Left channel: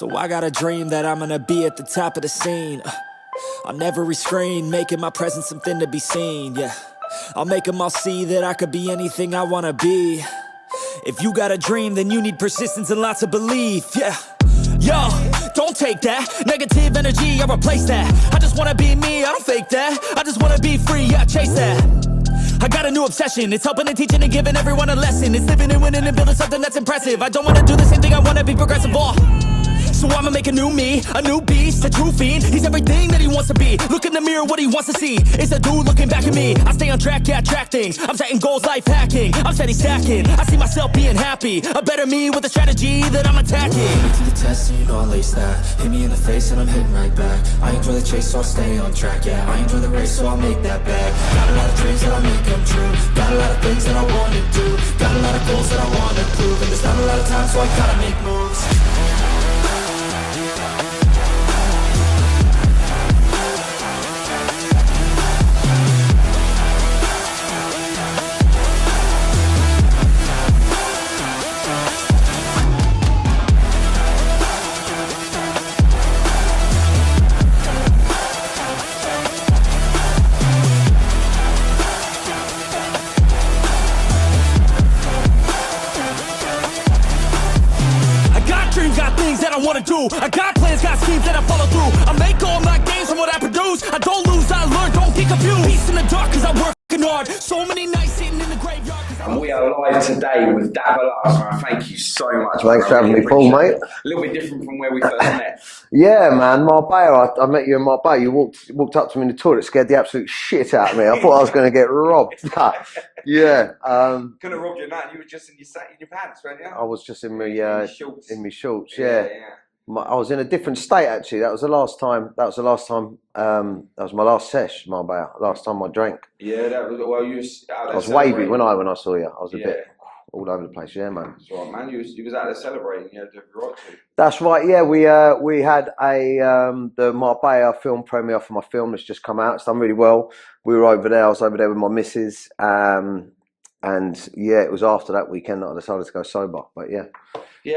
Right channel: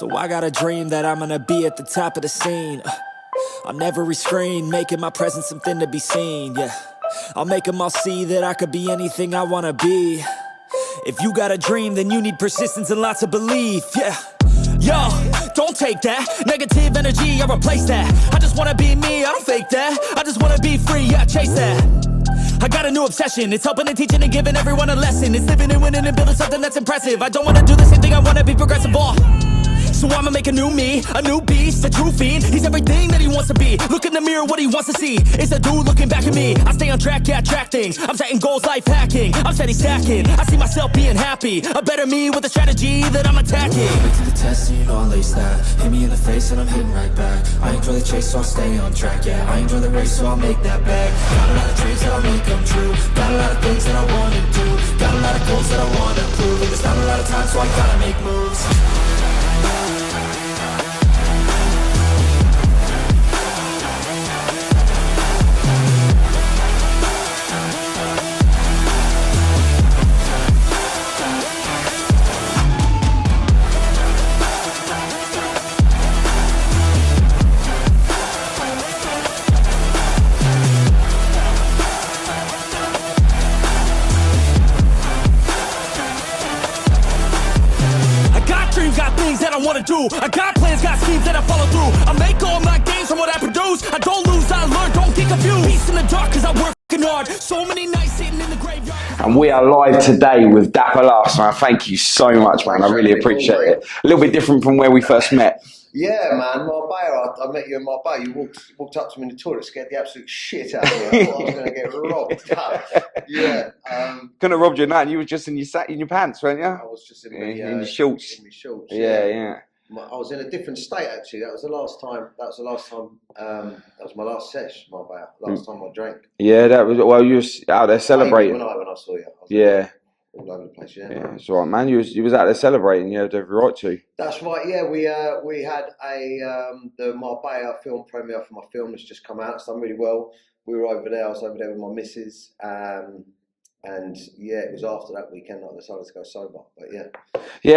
So I got a dream that I'm gonna be at the top of the scene. On every screen, making my presence something to be seen, yeah. I'll make them all see that I could be anything I wanna be. If you got a dream, then you need persistence and lots of belief, yeah. Yo, don't take that negative energy, I replace that. I just wanna be me, I don't fake that. I just wanna be free, yeah, chase that. I got a new obsession, it's helping and teaching and giving everyone a lesson. It's living and winning and building something that's impressive. I don't wanna do the same thing, I wanna be progressive, so I'ma make a new me, a new beast, a true fiend. He's everything that he wants to be. Look in the mirror, what he wants to see is a dude looking back at me. I stay on track, yeah, track things. I'm setting goals, life hacking. I'm steady stacking. I see myself being happy. A better me with a strategy that I'm attacking. Put me to the test and you know I'll ace that. Hit me in the face and I'm hitting right back. I enjoy the chase so I'll stay on track, yeah. I enjoy the race so I'll make that bag. Got a lot of dreams that I'll make come true. Got a lot of things that I wanna do. Got a lot of goals that I wanna prove. And there's not a lot of time so I gotta make moves. I wanna do. I got plans, got schemes that I follow through. I make all my gains from what I produce. I don't lose, I learn, don't get confused. Peace in the dark cause I work hard. So many nights sitting in the graveyard. And we are live today with Dapper Laughs, man. Thank you so much, man. I really appreciate it. A little bit different from where we first met. Yeah, man, Marbella. I met you in Marbella. You walked up to me in the toilet, scared the absolute shit out of me. I thought I was going to get robbed. Yeah. Couldn't have robbed you, man. You were just in your pants, weren't you? I was just in my in your shorts. In my shorts. Yeah. I was in a different state actually. That was the last time. That was my last sesh, Marbella. Last time I drank. Yeah, that was. Well, you were out there celebrating when I saw you. I was all over the place. Yeah, man. That's right, man. You was out there celebrating. You had every right to. That's right. Yeah, we had the Marbella film premiere for my film that's just come out. It's done really well. We were over there. I was over there with my missus. And yeah, it was after that weekend that I decided to go sober. But yeah,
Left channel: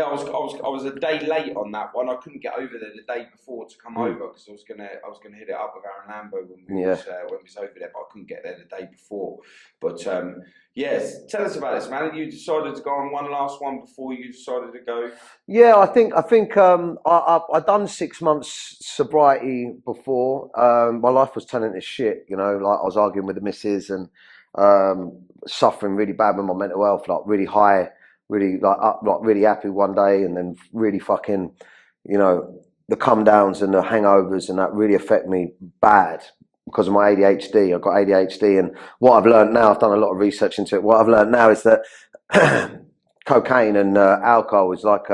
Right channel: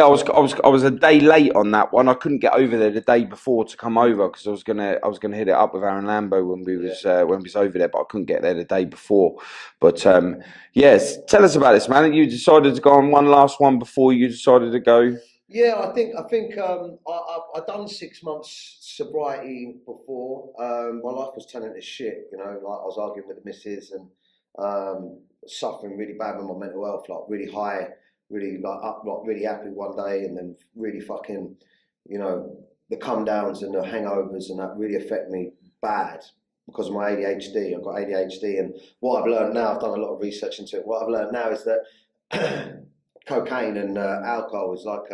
I was a day late on that one. I couldn't get over there the day before to come over because I was gonna hit it up with Aaron Lambo when we was over there, but I couldn't get there the day before. But yes, tell us about this, man. You decided to go on one last one before you decided to go. Yeah, I think I'd done 6 months sobriety before. My life was turning to shit, you know. Like I was arguing with the missus and suffering really bad with my mental health, like really high, really like up, like really happy one day, and then really fucking, you know, the come downs and the hangovers and that really affect me bad because of my ADHD. I've got ADHD, and what I've learned now, I've done a lot of research into it. What I've learned now is that cocaine and alcohol is like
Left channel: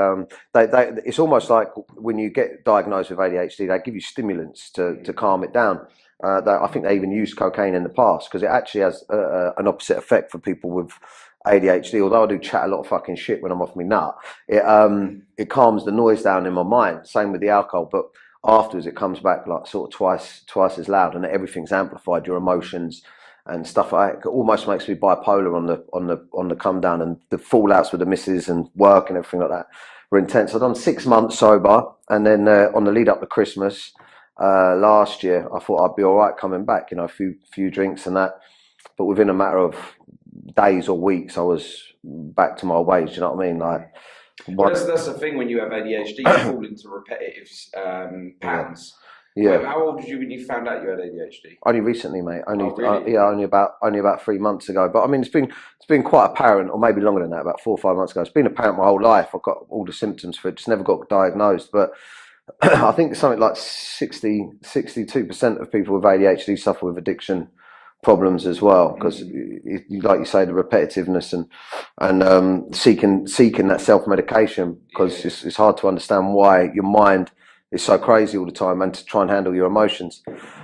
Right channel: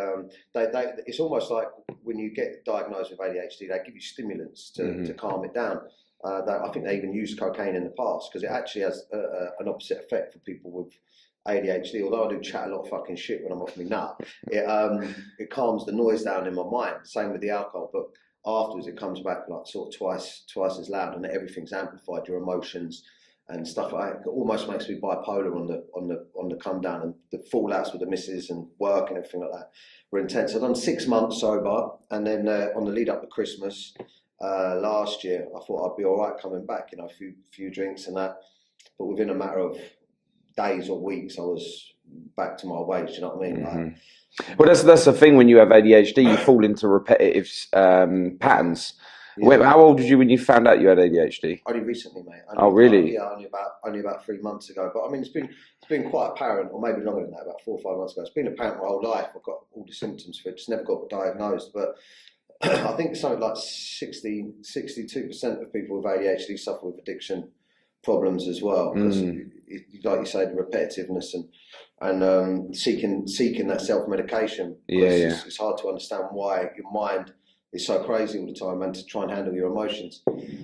it's almost like when you get diagnosed with ADHD, they give you stimulants to calm it down. I think they even used cocaine in the past because it actually has an opposite effect for people with ADHD. Although I do chat a lot of fucking shit when I'm off my nut, it calms the noise down in my mind. Same with the alcohol, but afterwards it comes back like sort of twice as loud, and everything's amplified. Your emotions and stuff like that. It almost makes me bipolar on the come down, and the fallouts with the missus and work and everything like that were intense. I've done 6 months sober, and then on the lead up to Christmas. Last year, I thought I'd be all right coming back, you know, a few drinks and that. But within a matter of days or weeks, I was back to my ways. You know what I mean? Like, well, that's the thing when you have ADHD, you fall into repetitive patterns. Yeah. How old was you when you found out you had ADHD? Only recently, mate. Really? Only about 3 months ago. But I mean, it's been quite apparent, or maybe longer than that, about 4 or 5 months ago. It's been apparent my whole life. I've got all the symptoms for it. Just never got diagnosed, but. I think something like 62% of people with ADHD suffer with addiction problems as well, because like you say, the repetitiveness and seeking that self-medication, because it's hard to understand why your mind is so crazy all the time and to try and handle your emotions.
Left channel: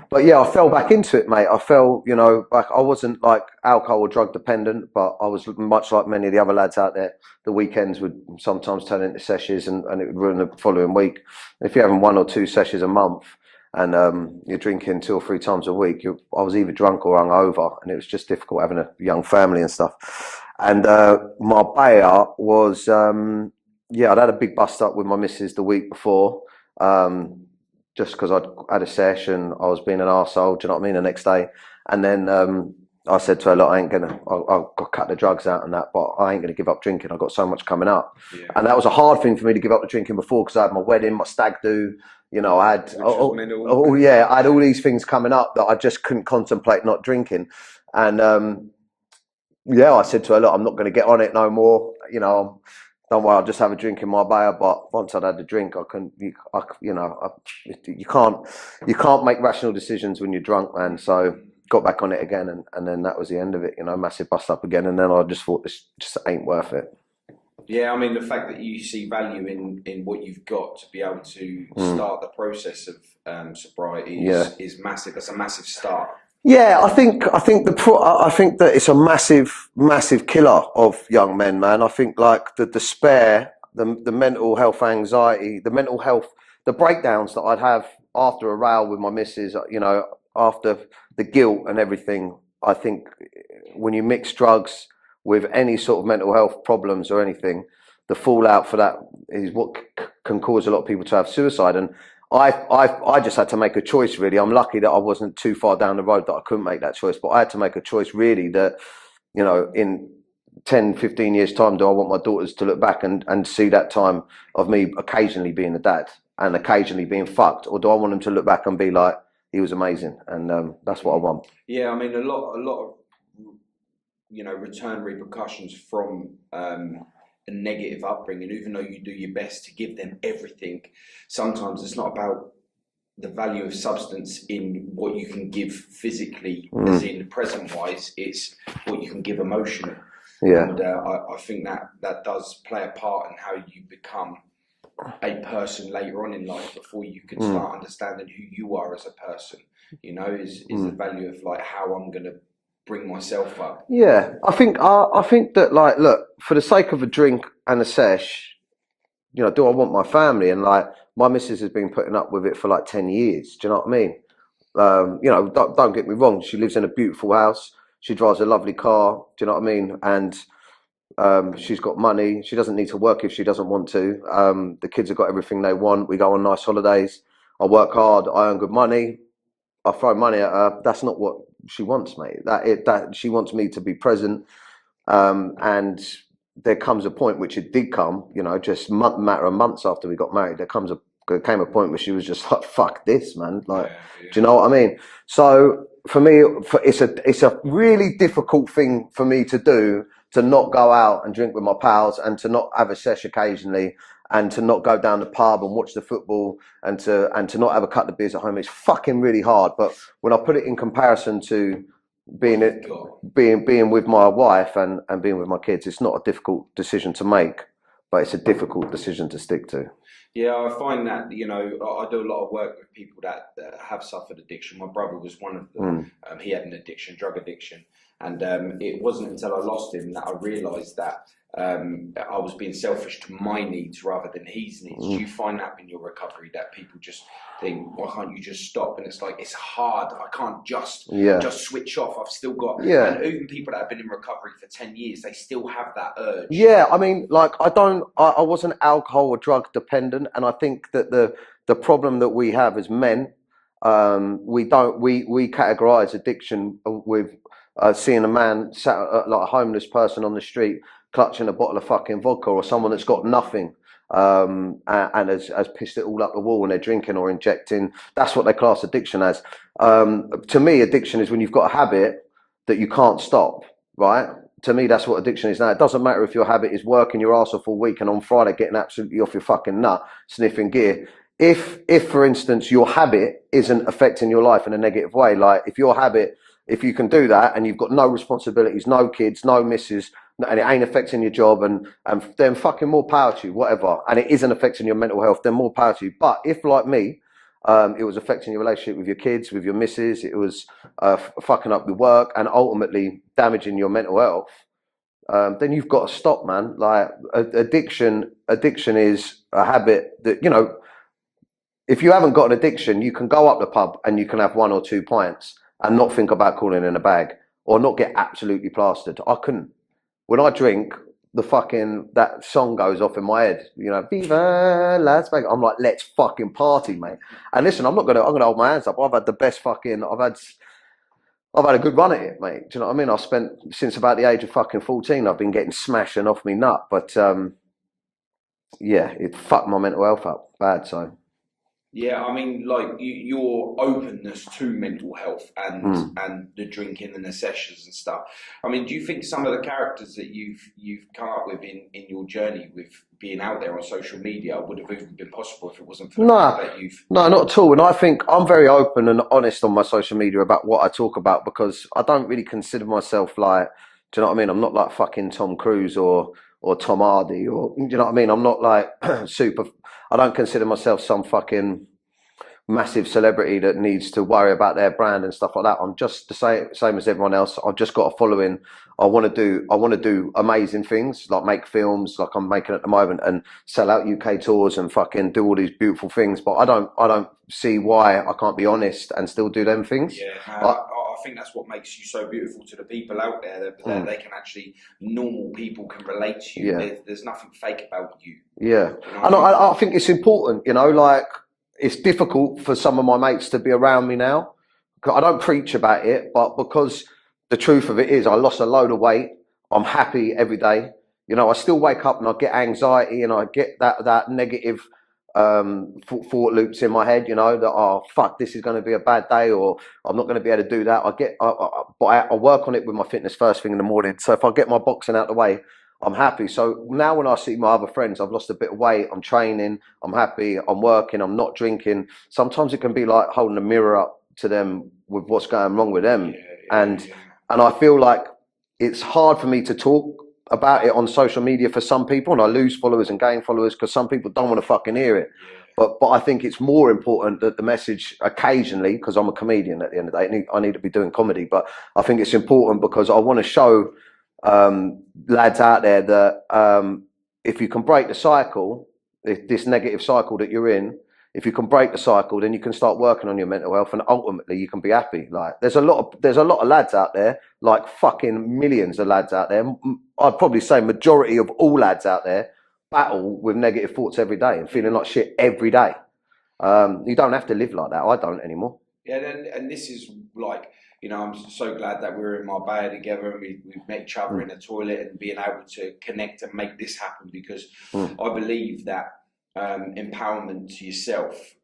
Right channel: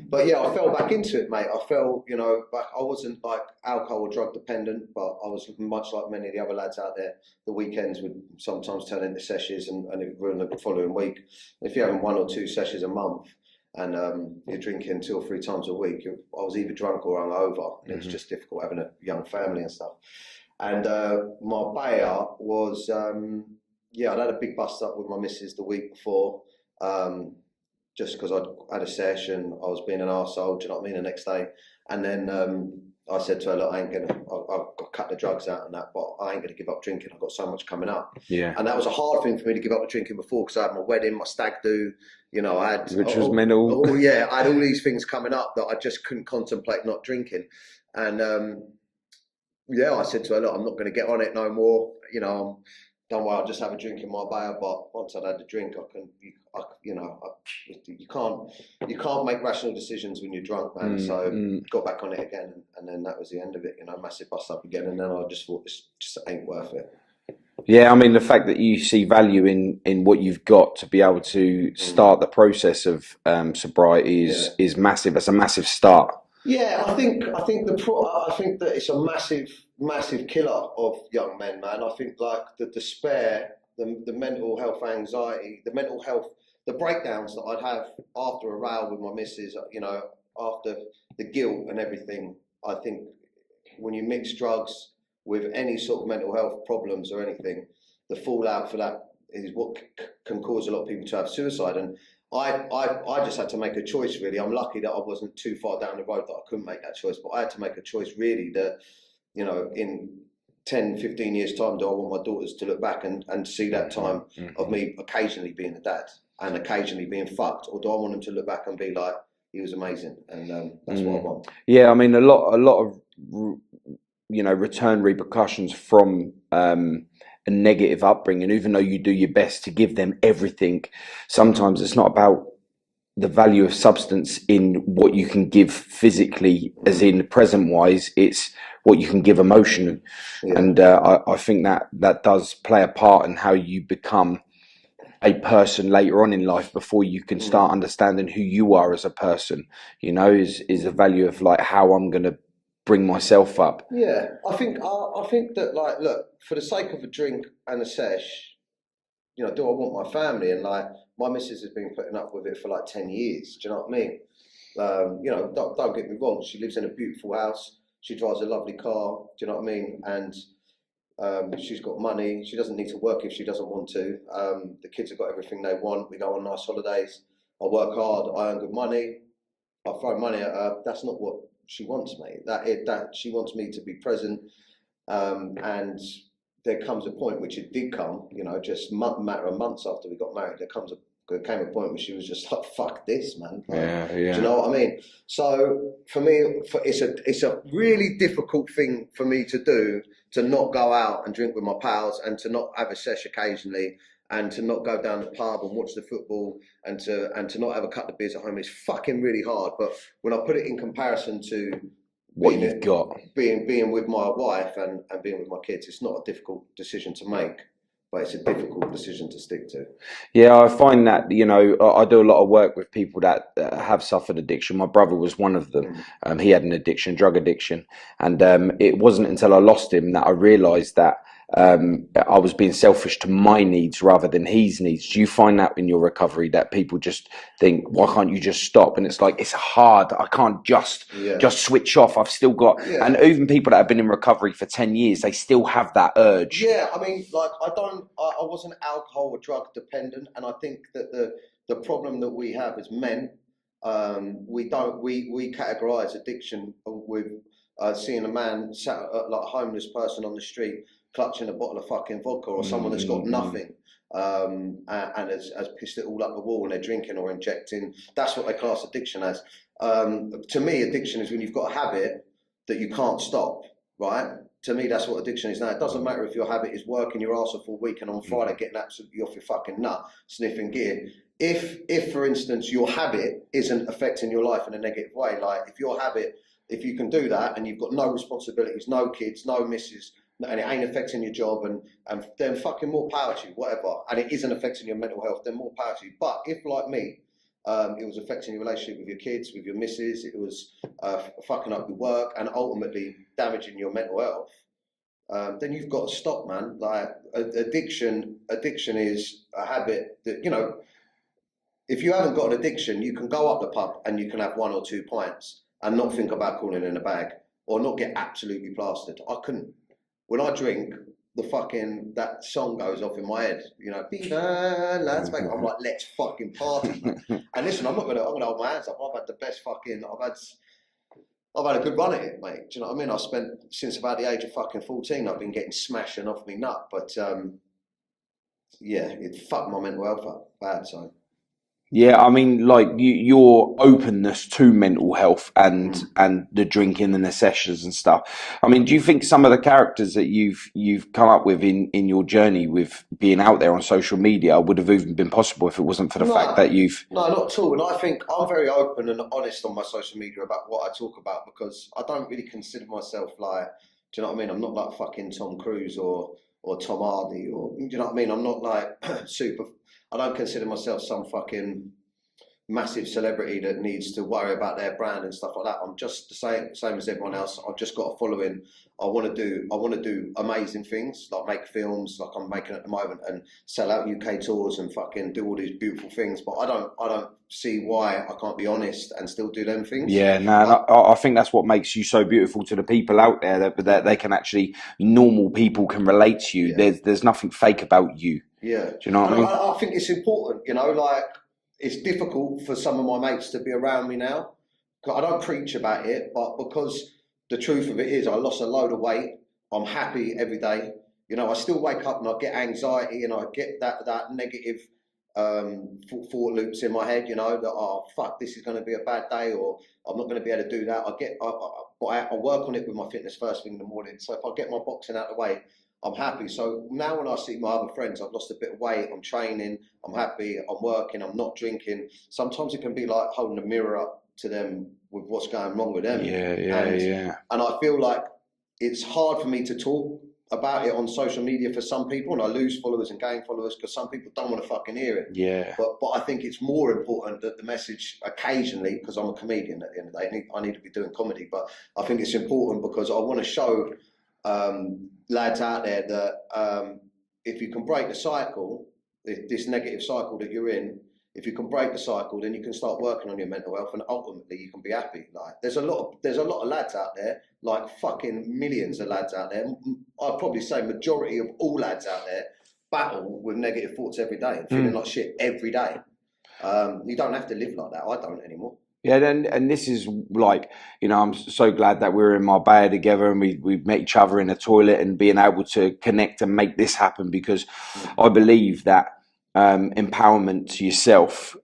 But yeah, I fell back into it, mate. I fell, you know, back. I wasn't like alcohol or drug dependent, but I was much like many of the other lads out there. The weekends would sometimes turn into sessions, and it would ruin the following week. If you're having 1 or 2 sessions a month and you're drinking 2 or 3 times a week, I was either drunk or hungover, and it was just difficult having a young family and stuff. And Marbella was yeah, I'd had a big bust up with my missus the week before, just because I'd had a session. I was being an arsehole, do you know what I mean, the next day. And then I said to her, look, I'll cut the drugs out and that, but I ain't going to give up drinking. I've got so much coming up. Yeah. And that was a hard thing for me to give up the drinking before, because I had my wedding, my stag do, you know, I had... Which was mental. Oh, yeah, I had all these things coming up that I just couldn't contemplate not drinking. And, yeah, I said to her, look, I'm not going to get on it no more, you know, don't worry, I'll just have a drink in Marbella. But once I'd had the drink, I couldn't, you can't make rational decisions when you're drunk, man. So got back on it again, and then that was the end of it. You know, massive bust up again, and then I just thought this just ain't worth it. Yeah, I mean, the fact that you see value in what you've got to be able to start the process of sobriety is massive. It's a massive start. Yeah, I think that it's a massive killer of young men, man. I think like the despair, the mental health anxiety, the breakdowns that I'd have after a row with my missus, you know, after the guilt and everything. I think when you mix drugs with any sort of mental health problems or anything, the fallout for that is what can cause a lot of people to have suicide. And I just had to make a choice, really. I'm lucky that I wasn't too far down the road that I couldn't make that choice, but I had to make a choice, really, that, you know, in 10, 15 years' time, do I want my daughters to look back and see that time of me occasionally being a dad and occasionally being fucked, or do I want them to look back and be like, he was amazing? And that's what I want. Yeah, I mean, a lot of, you know, return repercussions from a negative upbringing, even though you do your best to give them everything. Sometimes it's not about the value of substance in what you can give physically, as in present wise, it's what you can give emotionally. Yeah. And I think that does play a part in how you become a person later on in life, before you can start understanding who you are as a person, you know, is the value of like how I'm going to bring myself up. Yeah, I think that, like, look, for the sake of a drink and a sesh, you know, do I want my family? And like, my missus has been putting up with it for like 10 years. Do you know what I mean? You know, don't get me wrong. She lives in a beautiful house. She drives a lovely car. Do you know what I mean? And she's got money. She doesn't need to work if she doesn't want to. The kids have got everything they want. We go on nice holidays. I work hard. I earn good money. I throw money at her. That's not what she wants, mate. That she wants me to be present. And there comes a point, which it did come, you know, just matter of months after we got married, there came a point where she was just like, fuck this, man. Like, do you know what I mean? So for me, it's a really difficult thing for me to do, to not go out and drink with my pals, and to not have a sesh occasionally, and to not go down the pub and watch the football, and to not have a couple of beers at home. It's fucking really hard. But when I put it in comparison to being with my wife and being with my kids, it's not a difficult decision to make, but it's a difficult decision to stick to. Yeah, I find that, you know, I do a lot of work with people that have suffered addiction. My brother was one of them. He had an addiction, drug addiction. And it wasn't until I lost him that I realised that I was being selfish to my needs rather than his needs. Do you find that in your recovery, that people just think, why can't you just stop? And it's like, it's hard. I can't just switch off. I've still got, and even people that have been in recovery for 10 years, they still have that urge. Yeah, I mean, like, I wasn't alcohol or drug dependent. And I think that the problem that we have as men, we categorize addiction with seeing a man sat like a homeless person on the street clutching a bottle of fucking vodka, or someone that's got nothing and has pissed it all up the wall, and they're drinking or injecting. That's what they class addiction as. To me, addiction is when you've got a habit that you can't stop, right? To me, that's what addiction is now. It doesn't matter if your habit is working your ass off all week and on Friday getting absolutely off your fucking nut, sniffing gear. If for instance, your habit isn't affecting your life in a negative way, like if you can do that and you've got no responsibilities, no kids, no missus, and it ain't affecting your job, and then fucking more power to you, whatever. And it isn't affecting your mental health, then more power to you. But if, like me, it was affecting your relationship with your kids, with your missus, it was fucking up your work and ultimately damaging your mental health, then you've got to stop, man. Like, addiction is a habit that, you know, if you haven't got an addiction, you can go up the pub and you can have 1 or 2 pints and not think about calling in a bag, or not get absolutely plastered. I couldn't. When I drink, that song goes off in my head, you know, Viva Las Vegas. I'm like, let's fucking party, mate. And listen, I'm gonna hold my hands up. I've had the best fucking, I've had a good run at it, mate. Do you know what I mean? I spent, since about the age of fucking 14, I've been getting smashing off me nut. But yeah, it fucked my mental health up bad, so. Yeah, I mean, like your openness to mental health and the drinking and the sessions and stuff. I mean, do you think some of the characters that you've come up with in your journey with being out there on social media would have even been possible if it wasn't for the fact that you've... No, not at all. And I think I'm very open and honest on my social media about what I talk about, because I don't really consider myself like, do you know what I mean? I'm not like fucking Tom Cruise or Tom Hardy, or, do you know what I mean? I'm not like I don't consider myself some fucking massive celebrity that needs to worry about their brand and stuff like that. I'm just the same as everyone else. I've just got a following. I want to do amazing things, like make films like I'm making at the moment, and sell out UK tours and fucking do all these beautiful things. But I don't see why I can't be honest and still do them things. Yeah, no, I think that's what makes you so beautiful to the people out there, that they can actually, normal people can relate to you. Yeah. There's nothing fake about you. Yeah. Do you know what I mean? I think it's important, you know, like, it's difficult for some of my mates to be around me now. I don't preach about it, but because the truth of it is I lost a load of weight. I'm happy every day. You know, I still wake up and I get anxiety and I get that negative thought loops in my head, you know, that, oh, fuck, this is going to be a bad day, or I'm not going to be able to do that. But I work on it with my fitness first thing in the morning. So if I get my boxing out of the way, I'm happy. So now when I see my other friends, I've lost a bit of weight, I'm training, I'm happy, I'm working, I'm not drinking. Sometimes it can be like holding a mirror up to them with what's going wrong with them. And I feel like it's hard for me to talk about it on social media for some people, and I lose followers and gain followers because some people don't want to fucking hear it. Yeah. But I think it's more important that the message occasionally, because I'm a comedian at the end of the day, I need to be doing comedy, but I think it's important because I want to show lads out there that if you can break the cycle, this negative cycle that you're in, if you can break the cycle, then you can start working on your mental health, and ultimately you can be happy. Like there's a lot of lads out there, like fucking millions of lads out there. I'd probably say majority of all lads out there battle with negative thoughts every day and feeling like shit every day. You don't have to live like that. I don't anymore. Yeah, and this is like, you know, I'm so glad that we're in Marbella together and we've met each other in the toilet and being able to connect and make this happen, because I believe that empowerment to yourself,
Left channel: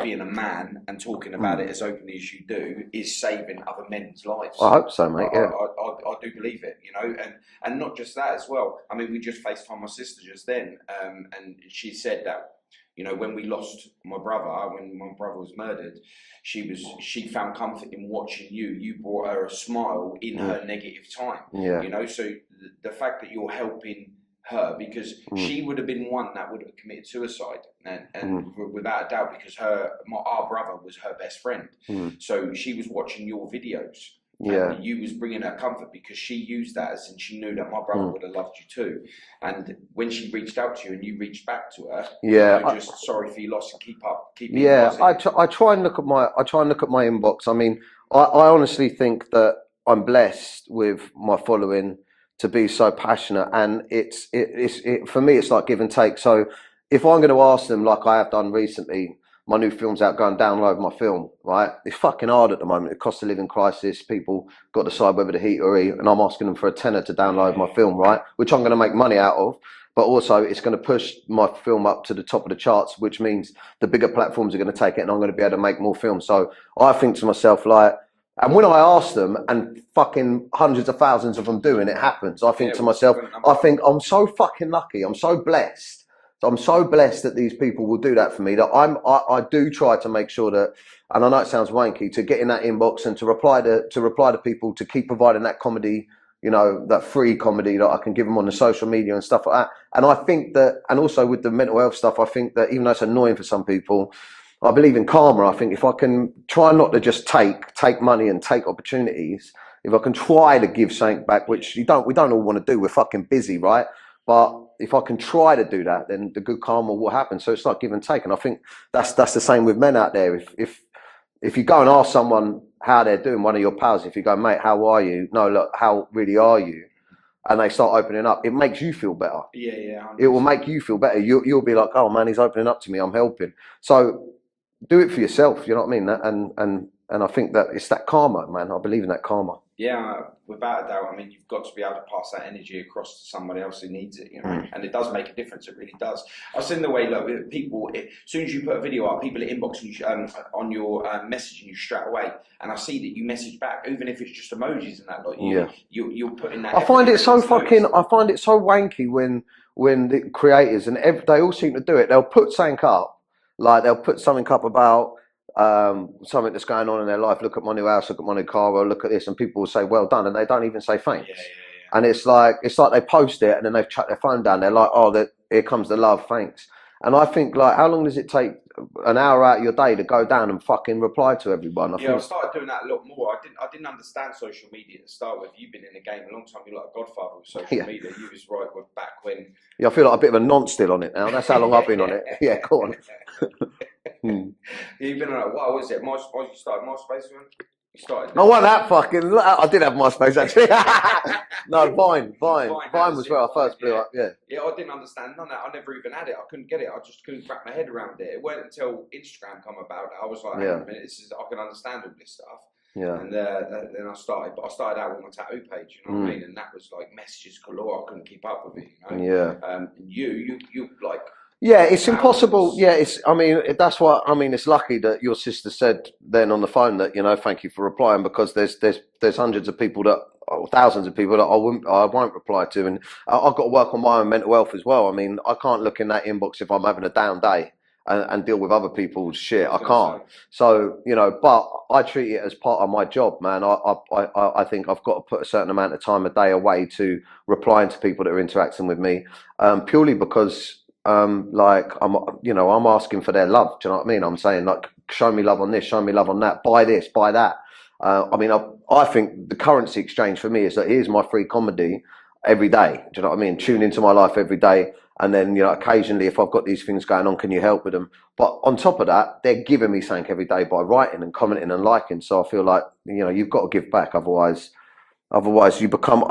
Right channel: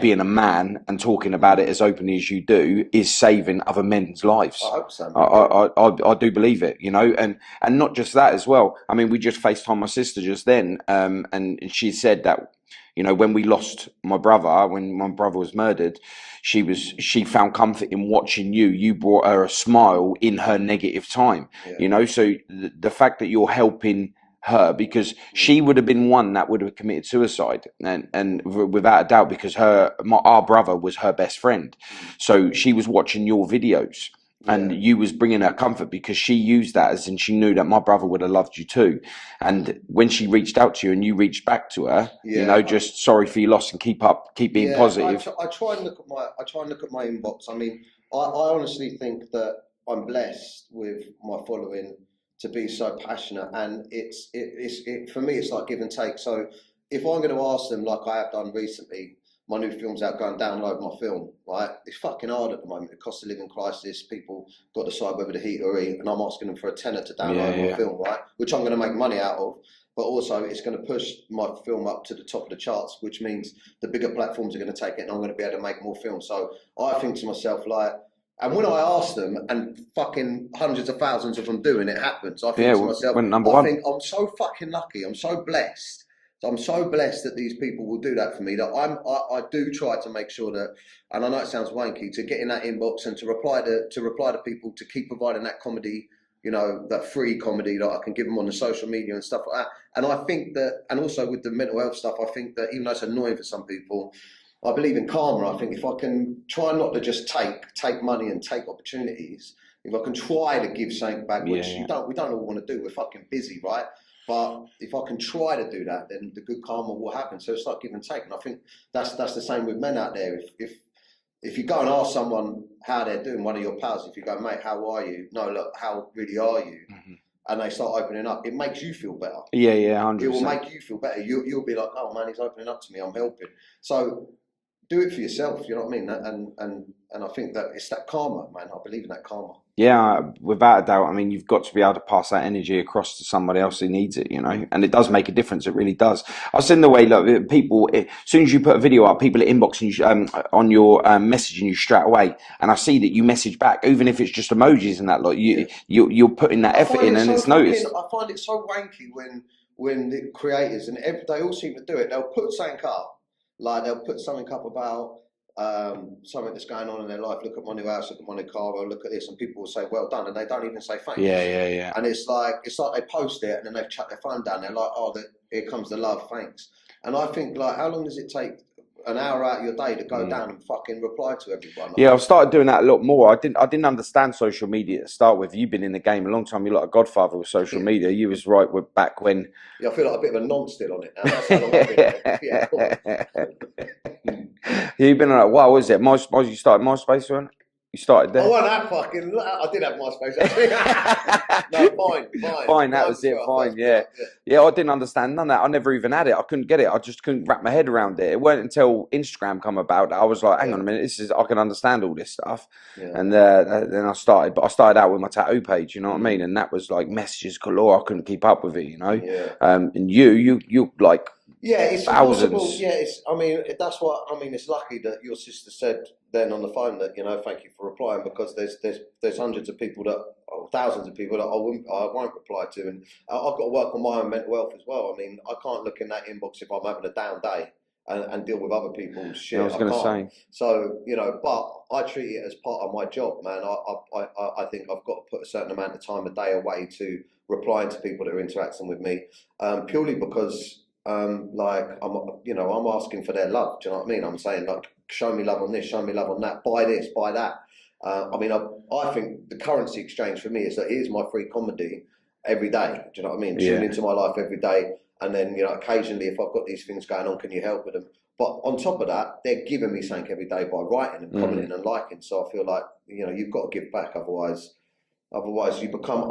being a man and talking about it as openly as you do, is saving other men's lives. I hope so, mate. I do believe it, you know, and not just that as well. I mean, we just FaceTimed my sister just then, and she said that, you know, when we lost my brother, when my brother was murdered, she found comfort in watching you. You brought her a smile in her negative time. Yeah. You know, so the fact that you're helping her, because she would have been one that would have committed suicide, and without a doubt, because our brother was her best friend. So she was watching your videos. Yeah. And you was bringing her comfort because she used that as in she knew that my brother would have loved you too. And when she reached out to you and you reached back to her, you know, just sorry for your loss and keep being positive. I try and look at my inbox. I mean, I honestly think that I'm blessed with my following to be so passionate, and it's for me it's like give and take. So if I'm going to ask them, like I have done recently, my new film's out, go and download my film, right? It's fucking hard at the moment. The cost of living crisis, people got to decide whether to heat or eat, and I'm asking them for a tenner to download my film, right? Which I'm going to make money out of, but also it's going to push my film up to the top of the charts, which means the bigger platforms are going to take it and I'm going to be able to make more films. So I think to myself, like, and when I ask them, and fucking hundreds of thousands of them do, and it happens, I think to myself, I think I'm so fucking lucky, I'm so blessed. I'm so blessed that these people will do that for me, that I do try to make sure that, and I know it sounds wanky, to get in that inbox and to reply to people, to keep providing that comedy, you know, that free comedy that I can give them on the social media and stuff like that. And I think that, and also with the mental health stuff, I think that even though it's annoying for some people, I believe in karma. I think if I can try not to just take money and take opportunities, if I can try to give something back, which we don't all want to do, we're fucking busy, right? But if I can try to do that, then the good karma will happen. So it's like give and take. And I think that's the same with men out there. If you go and ask someone how they're doing, one of your pals, if you go, mate, how are you? No, look, how really are you? and they start opening up, it makes you feel better. Yeah, 100%. It will make you feel better. You'll be like, oh man, he's opening up to me, I'm helping. So do it for yourself, you know what I mean? And I think that it's that karma, man. I believe in that karma. Yeah, without a doubt. I mean, you've got to be able to pass that energy across to somebody else who needs it, you know, and it does make a difference. It really does. I was in the way, look, people, as soon as you put a video up, people are inboxing you on your messaging you straight away, and I see that you message back, even if it's just emojis and that. Like you're putting that effort in, and it's noticed. I find it so wanky when the creators and they all seem to do it. They'll put something up, like they'll put something up about something that's going on in their life. Look at my new house, look at my new car, or look at this, and people will say well done, and they don't even say thanks. Yeah. And it's like they post it and then they've chucked their phone down. They're like, oh, here comes the love, thanks. And I think, like, how long does it take an hour out of your day to go down and fucking reply to everyone? I've started doing that a lot more. I didn't understand social media to start with. You've been in the game a long time. You're like a godfather with social media. You was right back when. Yeah, I feel like a bit of a nonce still on it now. That's how long I've been on it. Yeah, go on. You've been on it. What was it? You started MySpace, one? You started there? I want that fucking. I did have MySpace actually. No, Vine. That was it. Vine, yeah. I didn't understand none of that. I never even had it. I couldn't get it. I just couldn't wrap my head around it. It weren't until Instagram come about that I was like, hang on a minute, I can understand all this stuff. Yeah. And then I started out with my tattoo page. You know what I mean? And that was like messages galore. I couldn't keep up with it. You know? Yeah. And you like. Yeah, it's impossible. Yeah, I mean, that's why. I mean, it's lucky that your sister said then on the phone that, you know, thank you for replying, because there's hundreds of people thousands of people that I won't reply to, and I've got to work on my own mental health as well. I mean, I can't look in that inbox if I'm having a down day and deal with other people's shit. I can't. So, you know, but I treat it as part of my job, man. I think I've got to put a certain amount of time a day away to replying to people that are interacting with me, purely because. Like I'm asking for their love. Do you know what I mean? I'm saying, like, show me love on this, show me love on that, buy this, buy that. I mean, I think the currency exchange for me is that here's my free comedy every day. Do you know what I mean? Tune into my life every day. And then, you know, occasionally if I've got these things going on, can you help with them? But on top of that, they're giving me something every day by writing and commenting and liking. So I feel like, you know, you've got to give back. Otherwise, you become,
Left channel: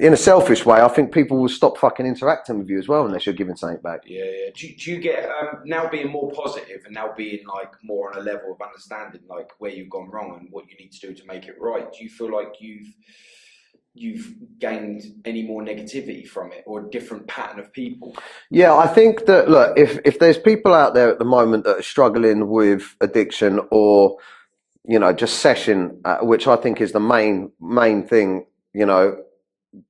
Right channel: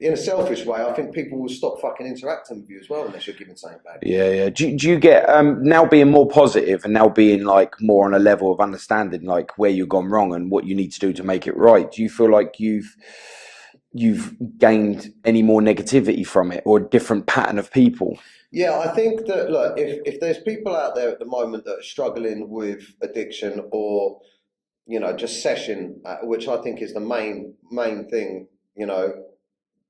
in a selfish way, I think people will stop fucking interacting with you as well unless you're giving something back. Yeah. Do you get, now being more positive and now being like more on a level of understanding like where you've gone wrong and what you need to do to make it right, do you feel like you've gained any more negativity from it or a different pattern of people? Yeah, I think that, look, if there's people out there at the moment that are struggling with addiction or, you know, just session, which I think is the main thing, you know,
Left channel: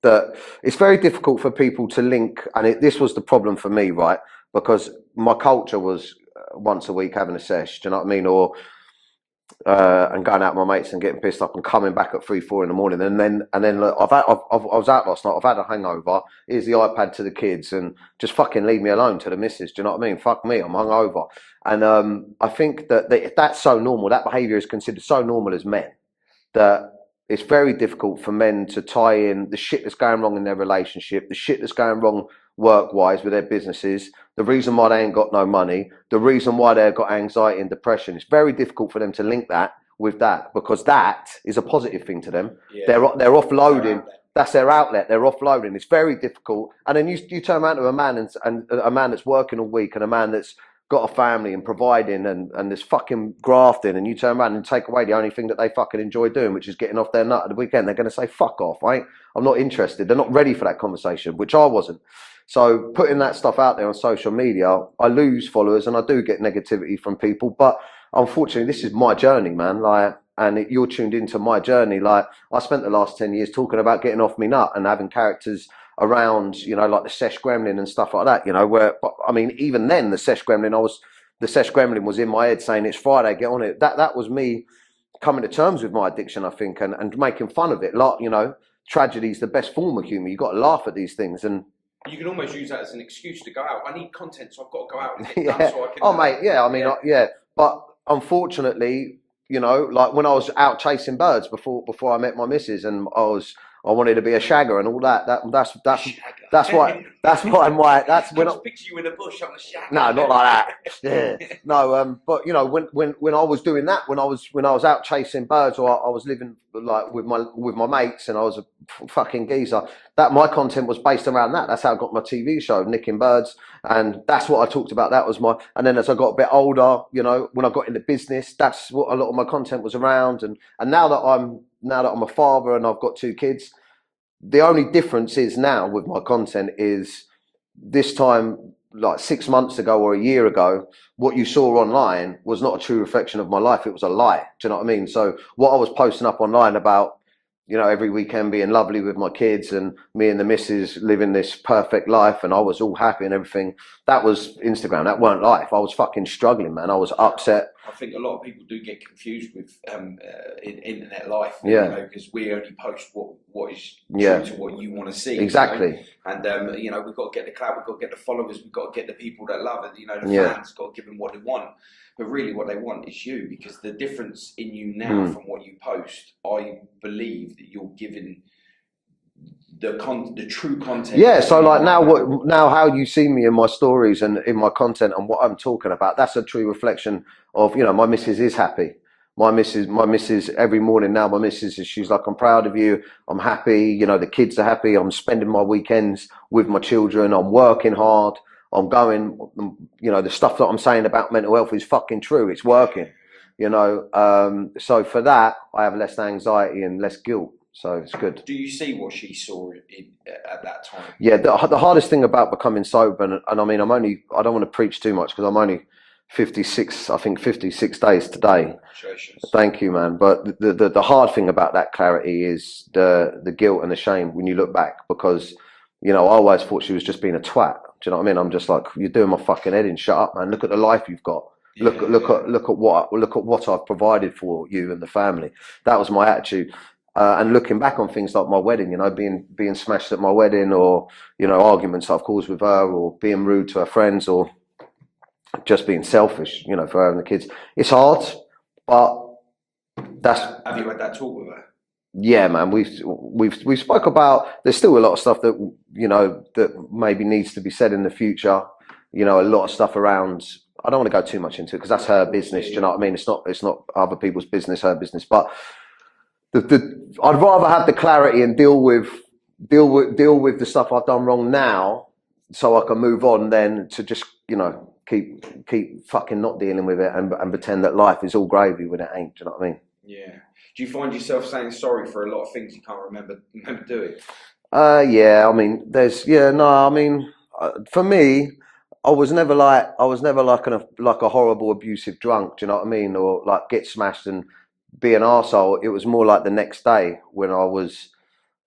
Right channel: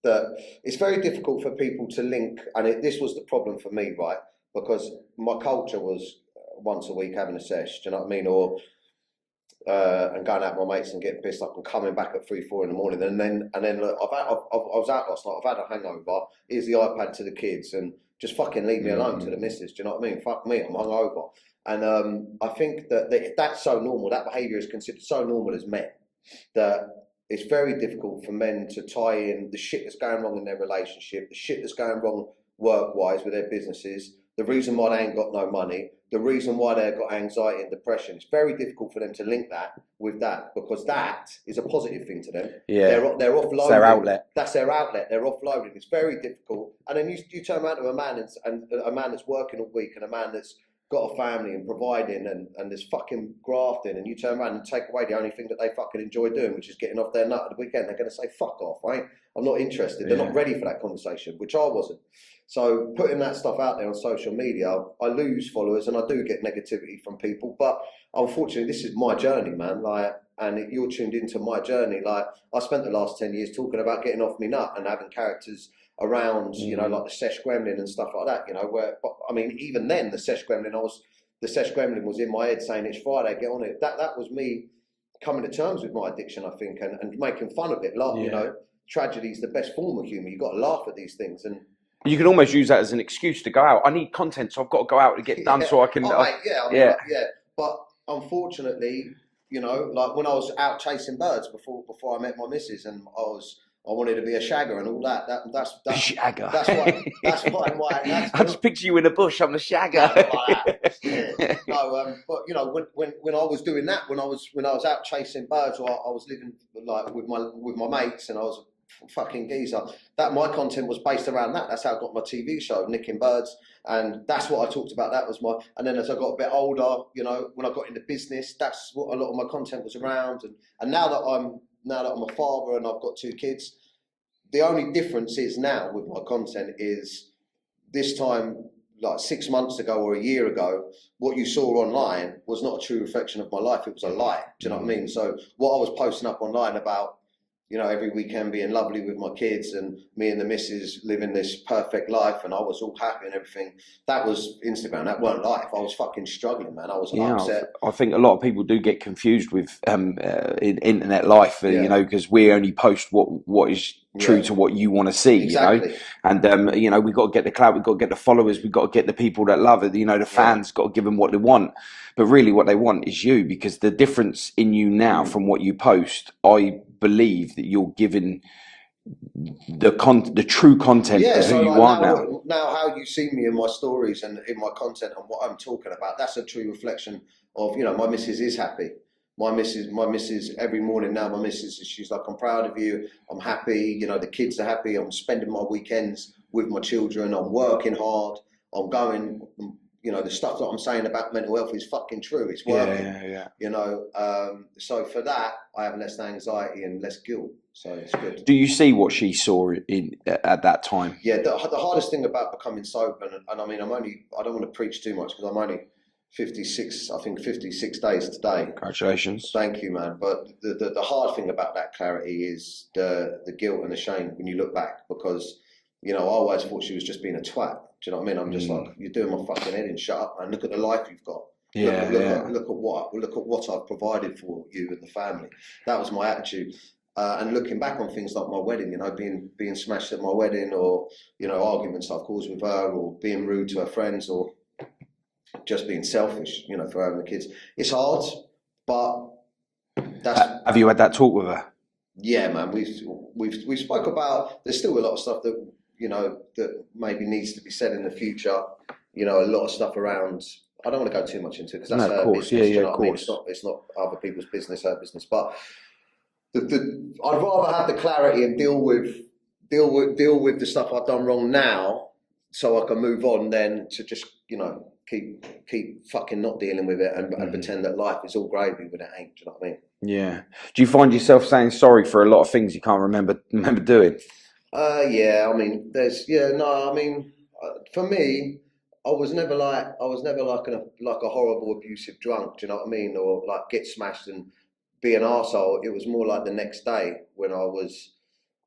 that it's very difficult for people to link. And this was the problem for me, right? Because my culture was once a week having a sesh, do you know what I mean? Or and going out with my mates and getting pissed up and coming back at 3-4 in the morning, and then look, I was out last night. I've had a hangover. Here's the iPad to the kids, and just fucking leave me alone to the missus. Do you know what I mean? Fuck me, I'm hungover. And I think that if that's so normal, that behaviour is considered so normal as men, that it's very difficult for men to tie in the shit that's going wrong in their relationship, the shit that's going wrong work-wise with their businesses, the reason why they ain't got no money, the reason why they've got anxiety and depression. It's very difficult for them to link that with that, because that is a positive thing to them. Yeah. They're offloading. Their outlet. That's their outlet. They're offloading. It's very difficult. And then you turn around to a man and a man that's working all week and a man that's got a family and providing and there's fucking grafting, and you turn around and take away the only thing that they fucking enjoy doing, which is getting off their nut at the weekend. They're going to say, fuck off, right? I'm not interested. They're not ready for that conversation, which I wasn't. So putting that stuff out there on social media, I lose followers and I do get negativity from people. But unfortunately, this is my journey, man. You're tuned into my journey. Like, I spent the last 10 years talking about getting off me nut and having characters around, you know, like the Sesh Gremlin and stuff like that, you know, but I mean, even then the Sesh Gremlin was in my head saying, it's Friday, get on it. That was me coming to terms with my addiction, I think, and making fun of it. Like, you know, tragedy is the best form of humour. You got to laugh at these things, and you can almost use that as an excuse to go out. I need content, so I've got to go out and get it done so I can. Oh, mate, yeah. I mean, but unfortunately, you know, like when I was out chasing birds before I met my missus, and I I wanted to be a shagger and all that. That's shagger. That's why my that's I just picture you in a bush on the shagger. No, not like that. Yeah. No, but you know, when I was doing that, when I was out chasing birds, or I was living like with my mates, and I was a fucking geezer, that my content was based around that. That's how I got my TV show, Nicking Birds, and that's what I talked about. That was my. And then as I got a bit older, you know, when I got into business, that's what a lot of my content was around. And now that I'm a father and I've got 2 kids, the only difference is now with my content is this time, like 6 months ago or a year ago, what you saw online was not a true reflection of my life. It was a lie. Do you know what I mean? So what I was posting up online about, you know, every weekend being lovely with my kids and me and the missus living this perfect life and I was all happy and everything, that was Instagram. That weren't life. I was fucking struggling, man. I was upset. I think a lot of people do get confused with in internet life, you know, because we only post what is true to what you want to see. Exactly. You know? And, you know, we've got to get the clout, we've got to get the followers, we've got to get the people that love it, you know, the fans, got to give them what they want. But really what they want is you, because the difference in you now from what you post, I believe that you're giving the true content. Yeah, so like now how you see me in my stories and in my content and what I'm talking about, that's a true reflection of, you know, my missus is happy. My missus every morning now, my missus, she's like, I'm proud of you, I'm happy, you know, the kids are happy, I'm spending my weekends with my children, I'm working hard, I'm going, you know, the stuff that I'm saying about mental health is fucking true, it's working, you know, so for that, I have less anxiety and less guilt, so it's good. Do you see what she saw at that time? Yeah, the hardest thing about becoming sober, and I mean, I don't want to preach too much because I'm only 56 days today. Congratulations. Thank you, man. But the hard thing about that clarity is the guilt and the shame when you look back, because, you know, I always thought she was just being a twat. Do you know what I mean? I'm just like, you're doing my fucking head in. Shut up, man. Look at the life you've got. Look at what I've provided for you and the family. That was my attitude. And looking back on things like my wedding, you know, being smashed at my wedding, or, you know, arguments I've caused with her, or being rude to her friends, or just being selfish, you know, for her and the kids. It's hard, but that's. Have you had that talk with her? Yeah, man. We've spoke about. There's still a lot of stuff that, you know, that maybe needs to be said in the future. You know, a lot of stuff around. I don't want to go too much into it because that's her business. Do you know what I mean? It's not other people's business, her business. But I'd rather have the clarity and deal with the stuff I've done wrong now, so I can move on, than to just, you know, keep fucking not dealing with it and pretend that life is all gravy when it ain't. Do you know what I mean? Yeah. Do you find yourself saying sorry for a lot of things you can't remember doing? Yeah. I mean, for me, I was never like a horrible abusive drunk. Do you know what I mean? Or like get smashed and be an arsehole. It was more like the next day when I was,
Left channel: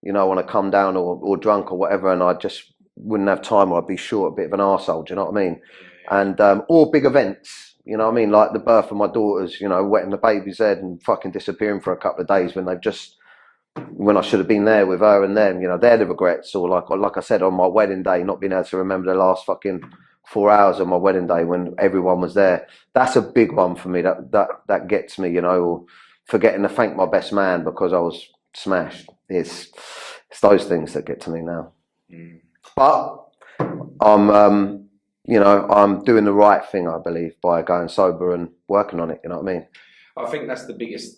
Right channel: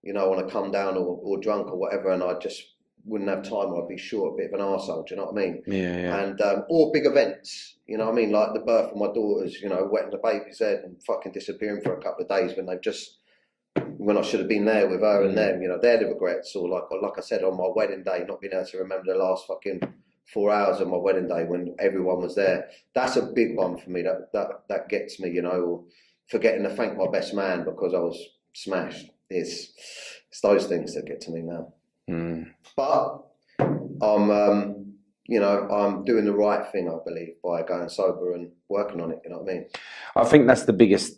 you know, want to come down or drunk or whatever, and I just wouldn't have time, or I'd be short, a bit of an arsehole. Do you know what I mean? Yeah. And or big events, you know what I mean, like the birth of my daughters, you know, wetting the baby's head and fucking disappearing for a couple of days when I should have been there with her and them, you know, they're the regrets. Or like I said, on my wedding day, not being able to remember the last fucking 4 hours of my wedding day when everyone was there. That's a big one for me. That gets me, you know. Or forgetting to thank my best man because I was smashed. It's those things that get to me now. But I'm you know, I'm doing the right thing, I believe, by going sober and working on it. You know what I mean? I think that's the biggest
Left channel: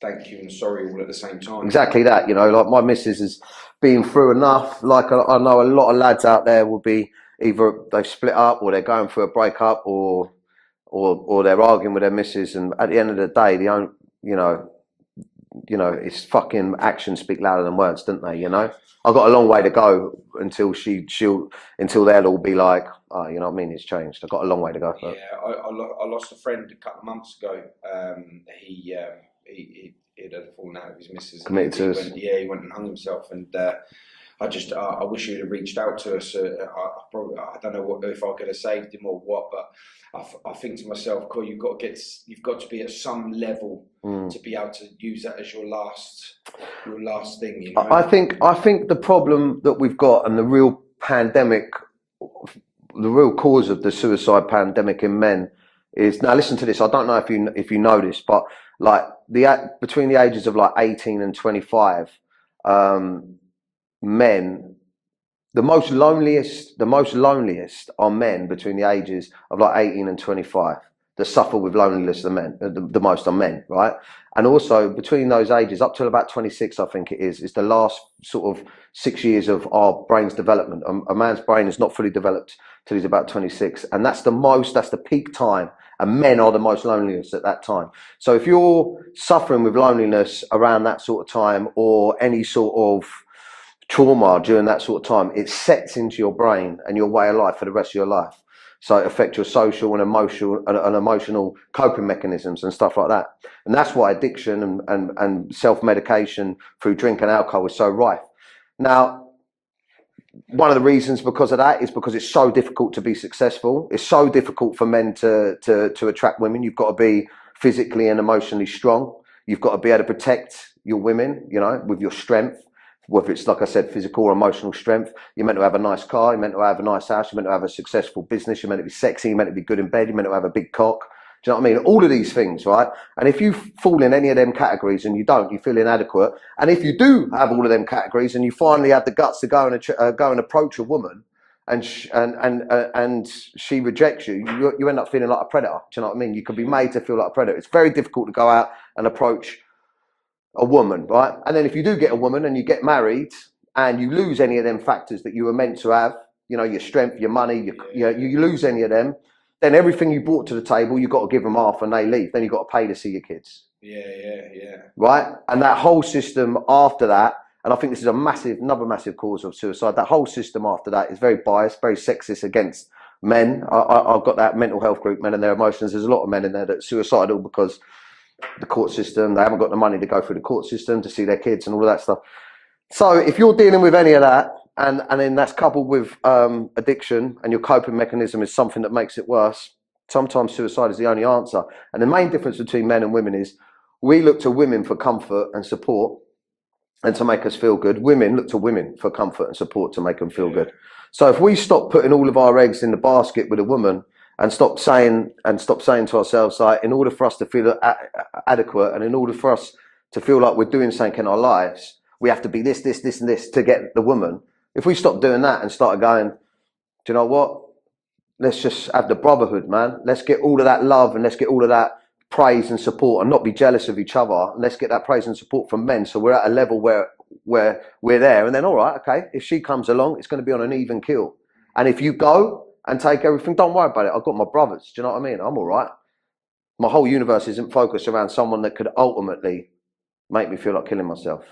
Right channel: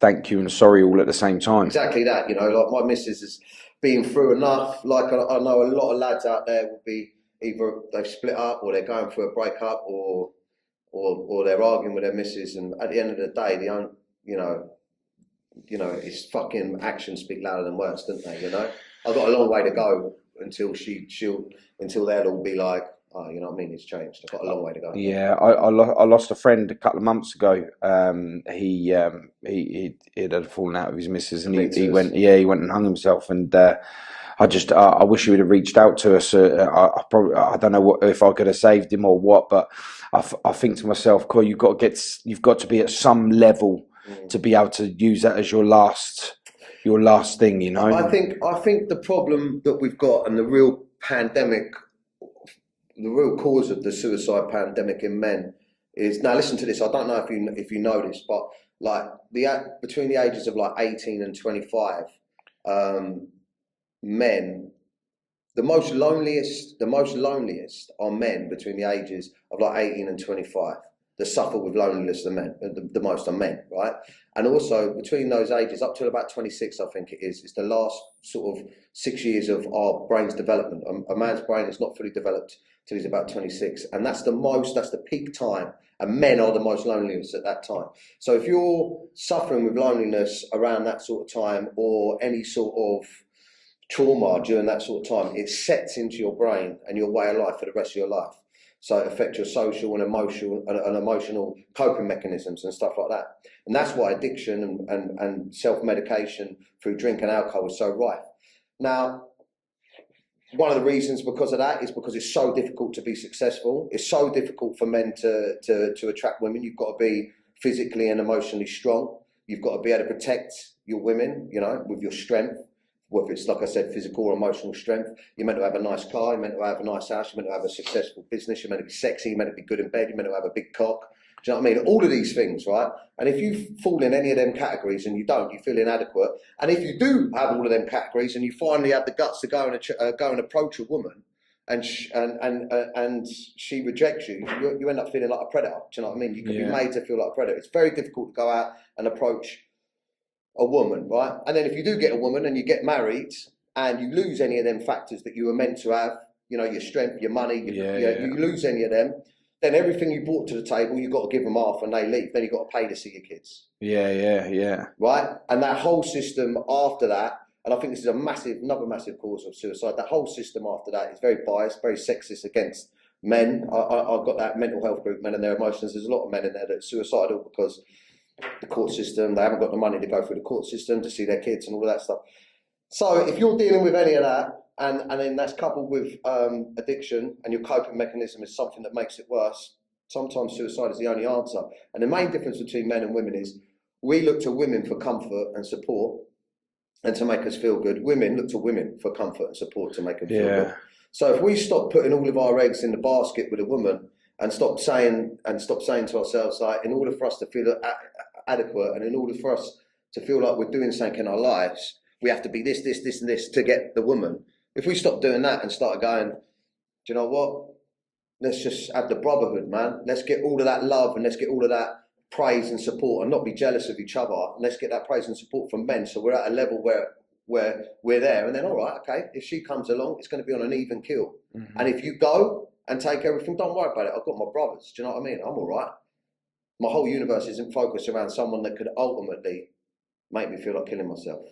thank you and sorry all at the same time. Exactly that. You know, like my missus has been through enough. Like I know a lot of lads out there will be either they've split up, or they're going through a breakup, or they're arguing with their missus, and at the end of the day, you know, it's fucking actions speak louder than words, don't they? You know, I've got a long way to go until they'll all be like, oh, you know what I mean? It's changed. I've got a long way to go. Yeah, I lost a friend a couple of months ago. He had fallen out with his missus, and he went and hung himself. And I wish he would have reached out to us. I don't know if I could have saved him or what, but I think to myself, Coy, you've got to be at some level to be able to use that as your last thing, you know. I think the problem that we've got, and the real cause of the suicide pandemic in men is, now listen to this, I don't know if you know this, but like between the ages of like 18 and 25, men, the most loneliest are men between the ages of like 18 and 25 that suffer with loneliness. The most are men, right? And also between those ages up till about 26, I think it is the last sort of 6 years of our brain's development. A man's brain is not fully developed till he's about 26, and that's the peak time. And men are the most loneliest at that time. So if you're suffering with loneliness around that sort of time, or any sort of trauma during that sort of time, it sets into your brain and your way of life for the rest of your life. So it affects your social and emotional coping mechanisms and stuff like that. And that's why addiction and self-medication through drink and alcohol is so rife. Now, one of the reasons because of that is because it's so difficult to be successful. It's so difficult for men to attract women. You've got to be physically and emotionally strong. You've got to be able to protect your women, you know, with your strength. Whether it's, like I said, physical or emotional strength. You're meant to have a nice car, you're meant to have a nice house, you're meant to have a successful business, you're meant to be sexy, you're meant to be good in bed, you're meant to have a big cock. Do you know what I mean? All of these things, right? And if you fall in any of them categories and you don't, you feel inadequate. And if you do have all of them categories and you finally have the guts to go and approach a woman, and she rejects you, you end up feeling like a predator. Do you know what I mean? You could be made to feel like a predator. It's very difficult to go out and approach a woman, right? And then if you do get a woman and you get married and you lose any of them factors that you were meant to have, you know, your strength, your money, you lose any of them, then everything you brought to the table, you've got to give them half and they leave. Then you've got to pay to see your kids. Yeah. Right? And that whole system after that, and I think this is another massive cause of suicide, that whole system after that is very biased, very sexist against men. I've got that mental health group, Men and Their Emotions. There's a lot of men in there that are suicidal because the court system, they haven't got the money to go through the court system to see their kids and all of that stuff. So if you're dealing with any of that, and then that's coupled with addiction, and your coping mechanism is something that makes it worse, sometimes suicide is the only answer. And the main difference between men and women is we look to women for comfort and support and to make us feel good. Women look to women for comfort and support to make them feel good. So if we stop putting all of our eggs in the basket with a woman, and stop saying to ourselves, like, in order for us to feel adequate, and in order for us to feel like we're doing something in our lives, we have to be this, and this to get the woman. If we stop doing that and start going, do you know what? Let's just have the brotherhood, man. Let's get all of that love and let's get all of that praise and support, and not be jealous of each other. And let's get that praise and support from men. So we're at a level where we're there. And then, all right, okay, if she comes along, it's going to be on an even keel. Mm-hmm. And if you go and take everything, don't worry about it. I've got my brothers. Do you know what I mean? I'm all right. My whole universe isn't focused around someone that could ultimately make me feel like killing myself.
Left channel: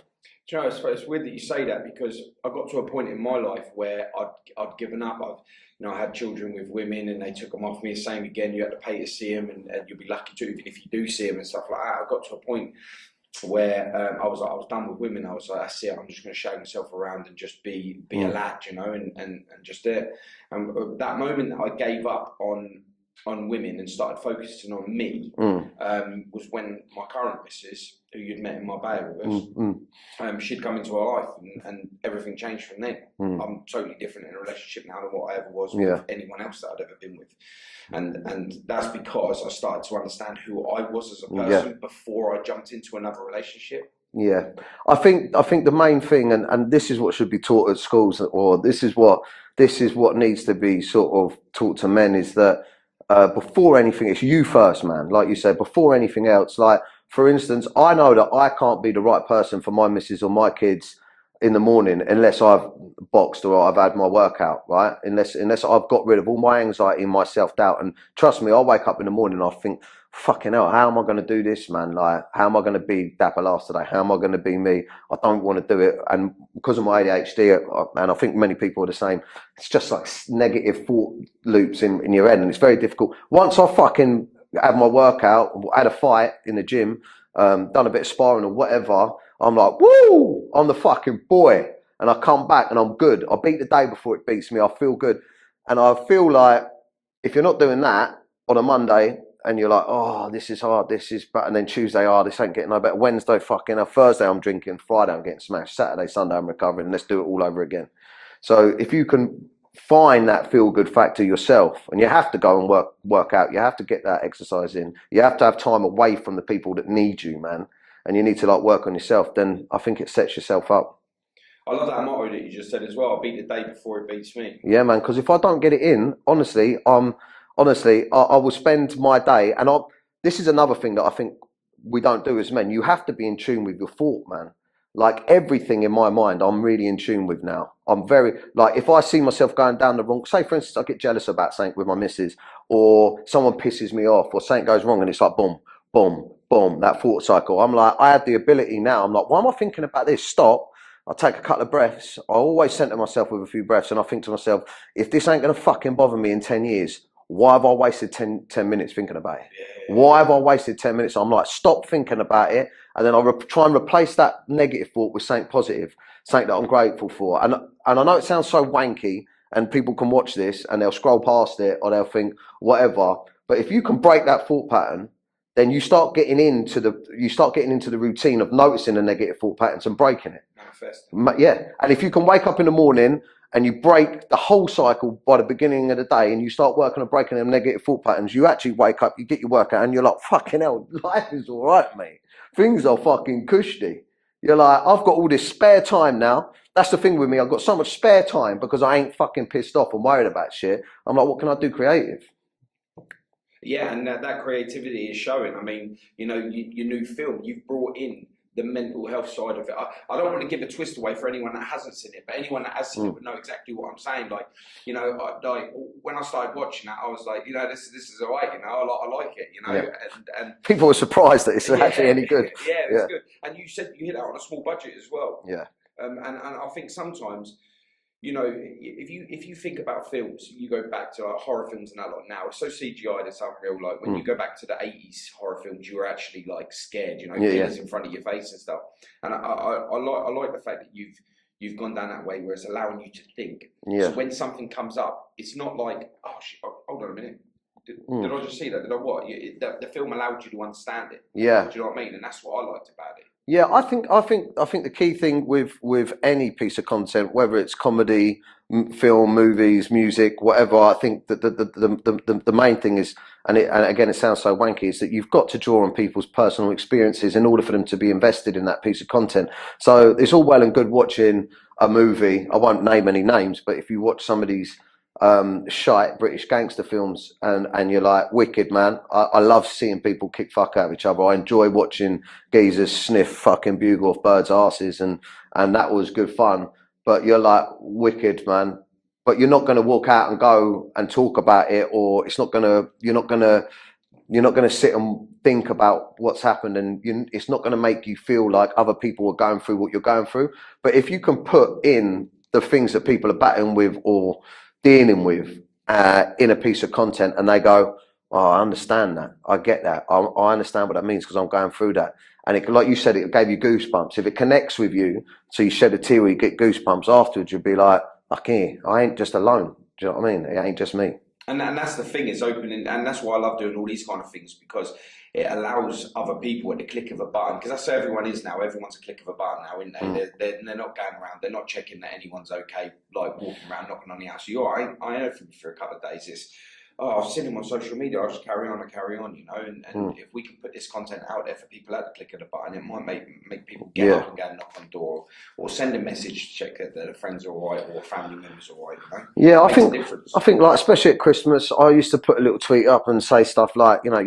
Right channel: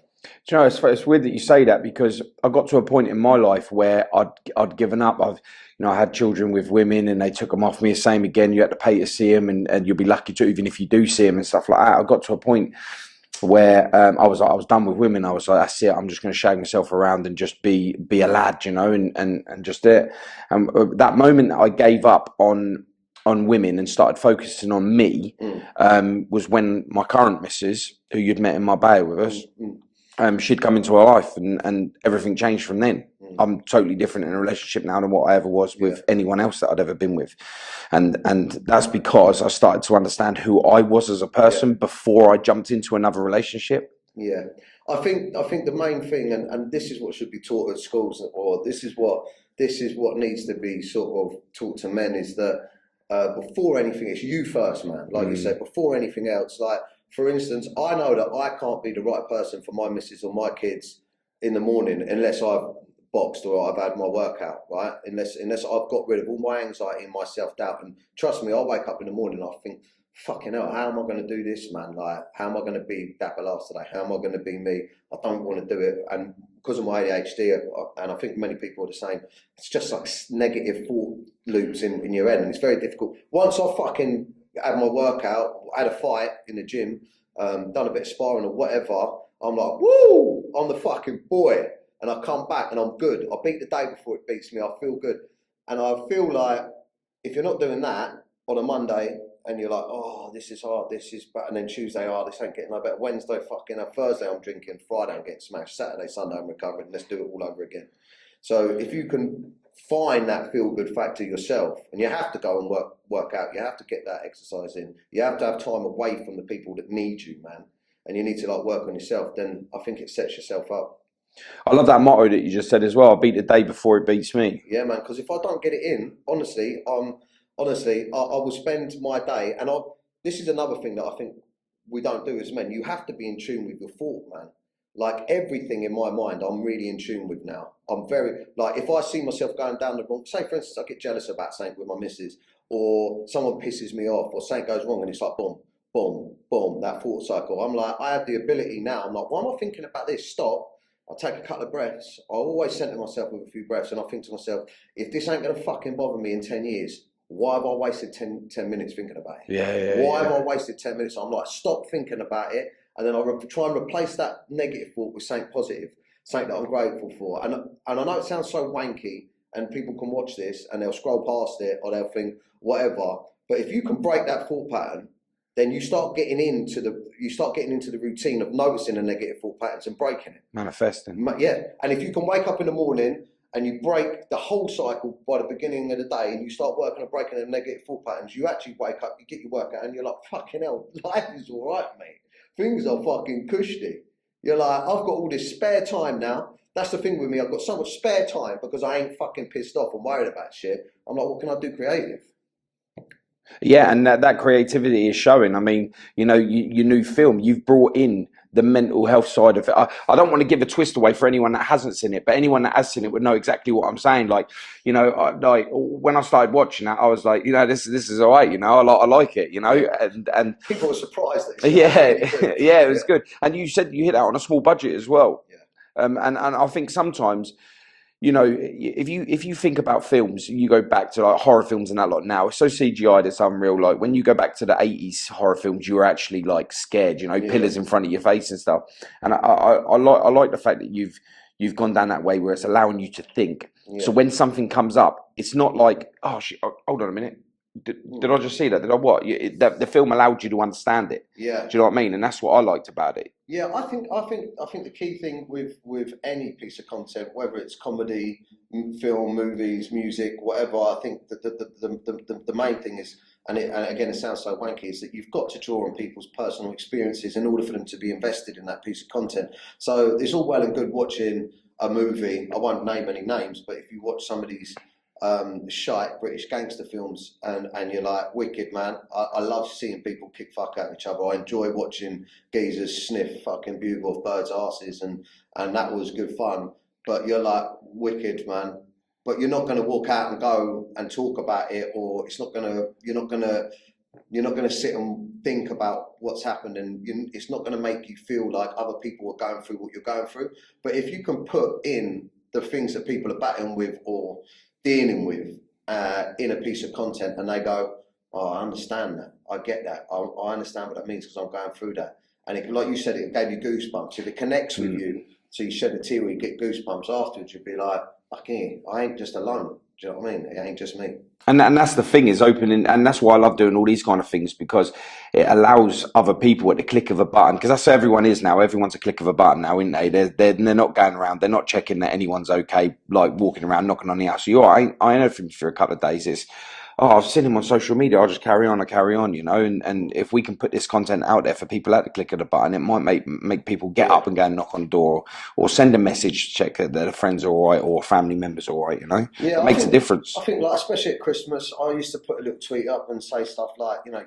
Do you know, it's weird that you say that, because I got to a point in my life where I'd given up. I had children with women and they took them off me. Same again, you had to pay to see them, and you'll be lucky to, even if you do see them and stuff like that. I got to a point where I was done with women. I was like, that's it. I'm just going to shake myself around and just be a lad, and just it. And that moment that I gave up on women and started focusing on me was when my current missus, who you'd met in Marbella with us, she'd come into our life, and everything changed from then. I'm totally different in a relationship now than what I ever was with anyone else that I'd ever been with. And that's because I started to understand who I was as a person before I jumped into another relationship. Yeah, I think the main thing, and this is what should be taught at schools, or this is what needs to be sort of taught to men, is that before anything, it's you first, man. Like you said, before anything else. Like, for instance, I know that I can't be the right person for my missus or my kids in the morning unless I've boxed or I've had my workout, right? Unless I've got rid of all my anxiety and my self-doubt. And trust me, I wake up in the morning and I think, fucking hell, how am I going to do this, man? Like, how am I going to be Dapper Laughs today? How am I going to be me? I don't want to do it. And because of my ADHD, and I think many people are the same, it's just like negative thought loops in your head, and it's very difficult. Once I fucking had my workout, had a fight in the gym, done a bit of sparring or whatever, I'm like, woo, I'm the fucking boy. And I come back and I'm good. I beat the day before it beats me. I feel good. And I feel like if you're not doing that on a Monday and you're like, oh, this is hard, this is bad, and then Tuesday, oh, this ain't getting no better. Wednesday, fucking hell. Thursday, I'm drinking. Friday, I'm getting smashed. Saturday, Sunday, I'm recovering. Let's do it all over again. So if you can find that feel-good factor yourself, and you have to go and work out, you have to get that exercise in, you have to have time away from the people that need you, man, and you need to like work on yourself, then I think it sets yourself up I love that motto that you just said as well. I beat the day before it beats me. Yeah, man. Because if I don't get it in, honestly, I will spend my day, and this is another thing that I think we don't do as men. You have to be in tune with your thought, man. Like everything in my mind, I'm really in tune with now. I'm very like if I see myself going down the wrong. Say, for instance, I get jealous about something with my missus, or someone pisses me off, or something goes wrong, and it's like boom, boom, boom. That thought cycle. I'm like, I have the ability now. I'm like, why am I thinking about this? Stop. I take a couple of breaths. I always center myself with a few breaths, and I think to myself, if this ain't gonna fucking bother me in 10 years, why have I wasted 10 minutes thinking about it? Why have I wasted 10 minutes? I'm like, stop thinking about it. And then I try and replace that negative thought with something positive, something that I'm grateful for. And I know it sounds so wanky, and people can watch this and they'll scroll past it or they'll think whatever. But if you can break that thought pattern, then you start getting into the routine of noticing the negative thought patterns and breaking it. Manifesting. Yeah. And if you can wake up in the morning and you break the whole cycle by the beginning of the day, and you start working on breaking them negative thought patterns, you actually wake up, you get your workout, and you're like, fucking hell, life is all right, mate. Things are fucking cushy. You're like, I've got all this spare time now. That's the thing with me. I've got so much spare time because I ain't fucking pissed off and worried about shit. I'm like, what can I do creative? Yeah, and that creativity is showing. I mean, you know, your new film, you've brought in the mental health side of it. I don't want to give a twist away for anyone that hasn't seen it, but anyone that has seen it would know exactly what I'm saying. Like, you know, like when I started watching that, I was like, you know, this is all right. You know, I like it. You know, and people were surprised that it's actually any good. Yeah, it was good. And you said you hit that on a small budget as well. Yeah. And I think sometimes, you know, if you think about films, you go back to like horror films and that lot now, it's so CGI that's unreal. Like when you go back to the 80s horror films, you were actually like scared, you know, pillars in front of your face and stuff. And I like the fact that you've gone down that way where it's allowing you to think. Yeah. So when something comes up, it's not like, oh shit, hold on a minute. Did I just see that? Did I what? The film allowed you to understand it. Yeah. Do you know what I mean? And that's what I liked about it. Yeah, I think the key thing with any piece of content, whether it's comedy, film, movies, music, whatever, I think that the main thing is, and again it sounds so wanky, is that you've got to draw on people's personal experiences in order for them to be invested in that piece of content. So it's all well and good watching a movie. I won't name any names, but if you watch some of these shite British gangster films and you're like, wicked, man. I love seeing people kick fuck out of each other. I enjoy watching geezers sniff fucking bugle off birds' asses, and that was good fun. But you're like, wicked, man. But you're not going to walk out and go and talk about it, or you're not gonna sit and think about what's happened, and it's not going to make you feel like other people are going through what you're going through. But if you can put in the things that people are battling with or dealing with in a piece of content, and they go, oh, I understand that, I get that, I understand what that means because I'm going through that, and it, like you said, it gave you goosebumps. If it connects with you, so you shed a tear or you get goosebumps afterwards, you'll be like, okay, I ain't just alone. Do you know what I mean? It ain't just me. And that's the thing, is opening, and that's why I love doing all these kind of things, because it allows other people at the click of a button, because that's how everyone is now. Everyone's a click of a button now, isn't they? They're not going around, they're not checking that anyone's okay, like walking around knocking on the house. You are, I know for a couple of days, it's, oh, I've seen him on social media, I'll just carry on, you know, and if we can put this content out there for people at the click of the button, it might make people get up and go and knock on the door, or send a message to check that their friends are all right, or family members are all right, you know? Yeah, it makes a difference. I think, like, especially at Christmas, I used to put a little tweet up and say stuff like, you know,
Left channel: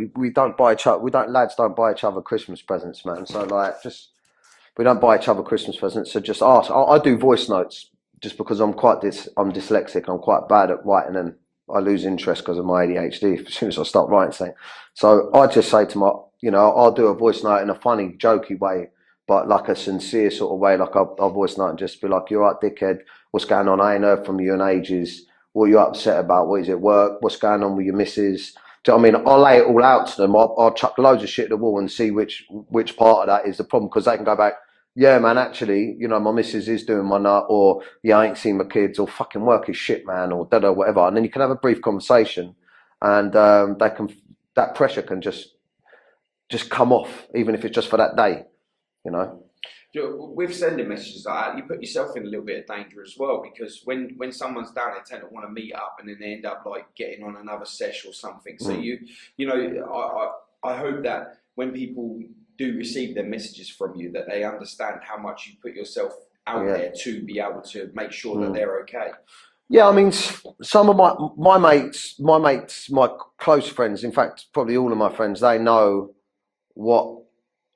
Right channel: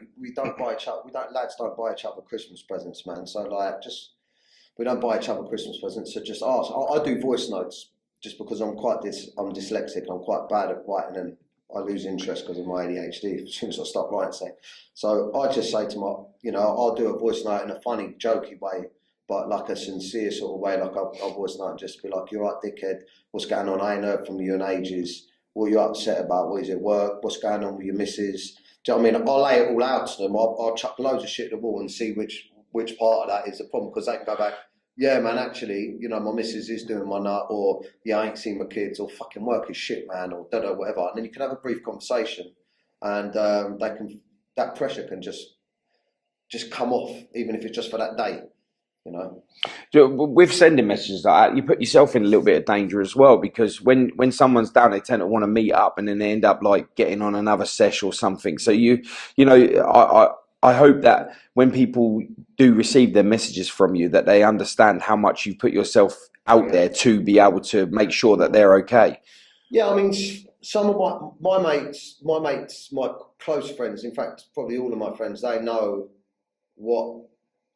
lads don't buy each other Christmas presents, man. So, like, we don't buy each other Christmas presents, so just ask. I do voice notes just because I'm dyslexic, I'm quite bad at writing, and I lose interest because of my ADHD as soon as I start writing something. So I just say to my, you know, I'll do a voice note in a funny, jokey way, but like a sincere sort of way. Like I'll voice note and just be like, "You're right, dickhead. What's going on? I ain't heard from you in ages. What are you upset about? What is it, work? What's going on with your missus?" Do you know what I mean? I'll lay it all out to them. I'll chuck loads of shit at the wall and see which part of that is the problem, because they can go back, yeah, man, actually, you know, my missus is doing my nut, or yeah, I ain't seen my kids, or fucking work is shit, man, or da-da, whatever. And then you can have a brief conversation, and that pressure can just come off, even if it's just for that day, you know. With sending messages like that, you put yourself in a little bit of danger as well, because when someone's down, they tend to want to meet up, and then they end up like getting on another sesh or something. So you know, I hope that when people do receive their messages from you, that they understand how much you put yourself out there to be able to make sure that they're okay. Yeah, I mean, some of my mates, my close friends, in fact, probably all of my friends, they know what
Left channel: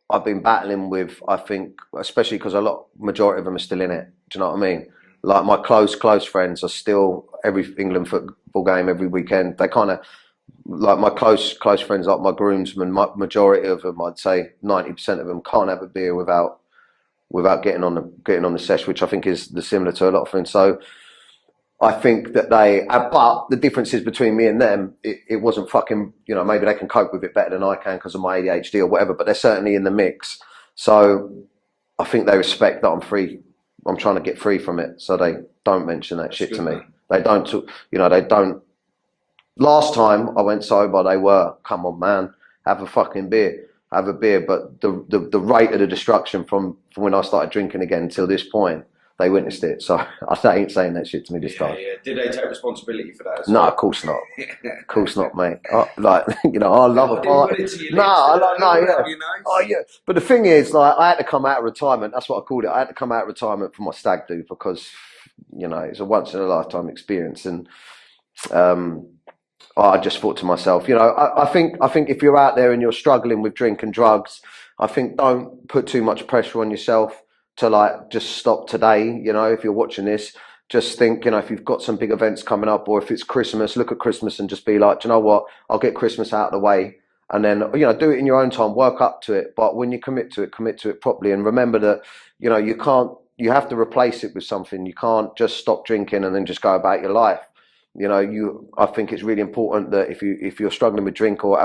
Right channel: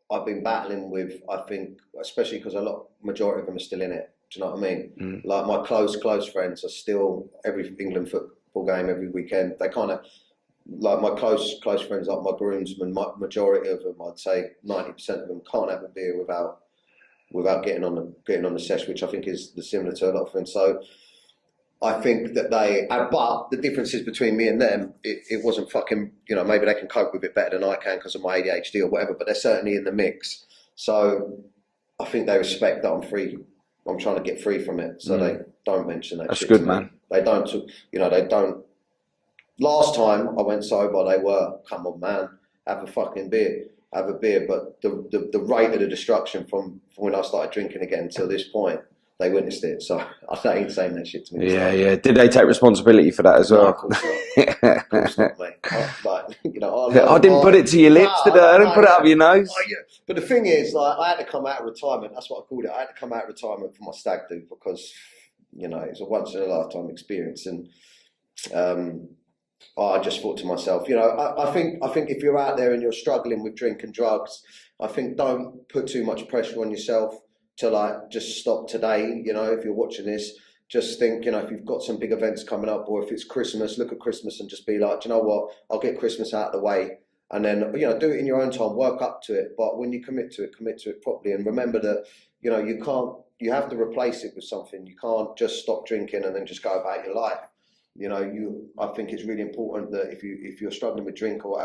I've been battling with. I think, especially because majority of them are still in it. Do you know what I mean? Like my close friends are still every England football game every weekend. They kind of like my close friends, like my groomsmen. Majority of them, I'd say 90% of them, can't have a beer without getting on the sesh, which I think is similar to a lot of friends. So I think that but the difference is between me and them, it wasn't fucking, maybe they can cope with it better than I can because of my ADHD or whatever, but they're certainly in the mix. So I think they respect that I'm free. I'm trying to get free from it. So they don't mention that shit to me. Man. They don't, they don't. Last time I went sober, they were, come on, man, have a fucking beer. Have a beer. But the rate of the destruction from when I started drinking again till this point, they witnessed it, so I ain't saying that shit to me this time. Yeah. Did they take responsibility for that as well? No, of course not. Of course not, mate. I didn't put it to your lips, I didn't put it up your nose. Oh, yeah. But the thing is, like, I had to come out of retirement. That's what I called it. I had to come out of retirement for my stag do because, it's a once in a lifetime experience, and I just thought to myself, I think if you're out there and you're struggling with drink and drugs, I think don't put too much pressure on yourself to like just stop today. If you're watching this, just think, if you've got some big events coming up, or if it's Christmas, look at Christmas and just be like, do you know what, I'll get Christmas out of the way, and then do it in your own time, work up to it. But when you commit to it properly, and remember that you have to replace it with something. You can't just stop drinking and then just go about your life. I think it's really important that if you're struggling with drink or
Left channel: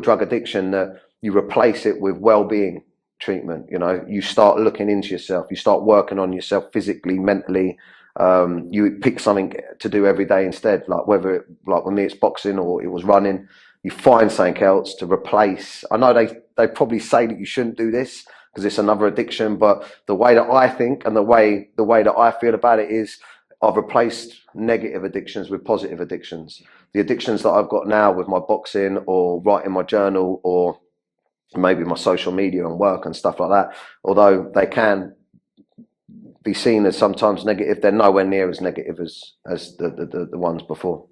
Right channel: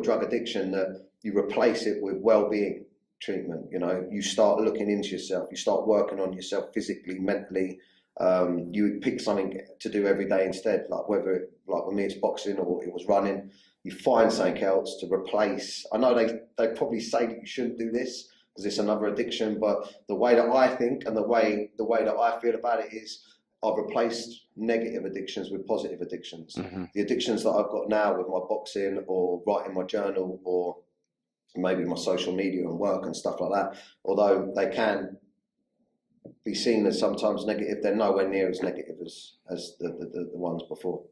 drug addiction, that you replace it with well-being treatment. You start looking into yourself, you start working on yourself physically, mentally. You pick something to do every day instead, like whether like with me it's boxing or it was running. You find something else to replace. I know they probably say that you shouldn't do this because it's another addiction, but the way that I think and the way that I feel about it is I've replaced negative addictions with positive addictions. The addictions that I've got now with my boxing or writing my journal or maybe my social media and work and stuff like that, although they can be seen as sometimes negative, they're nowhere near as negative as the ones before.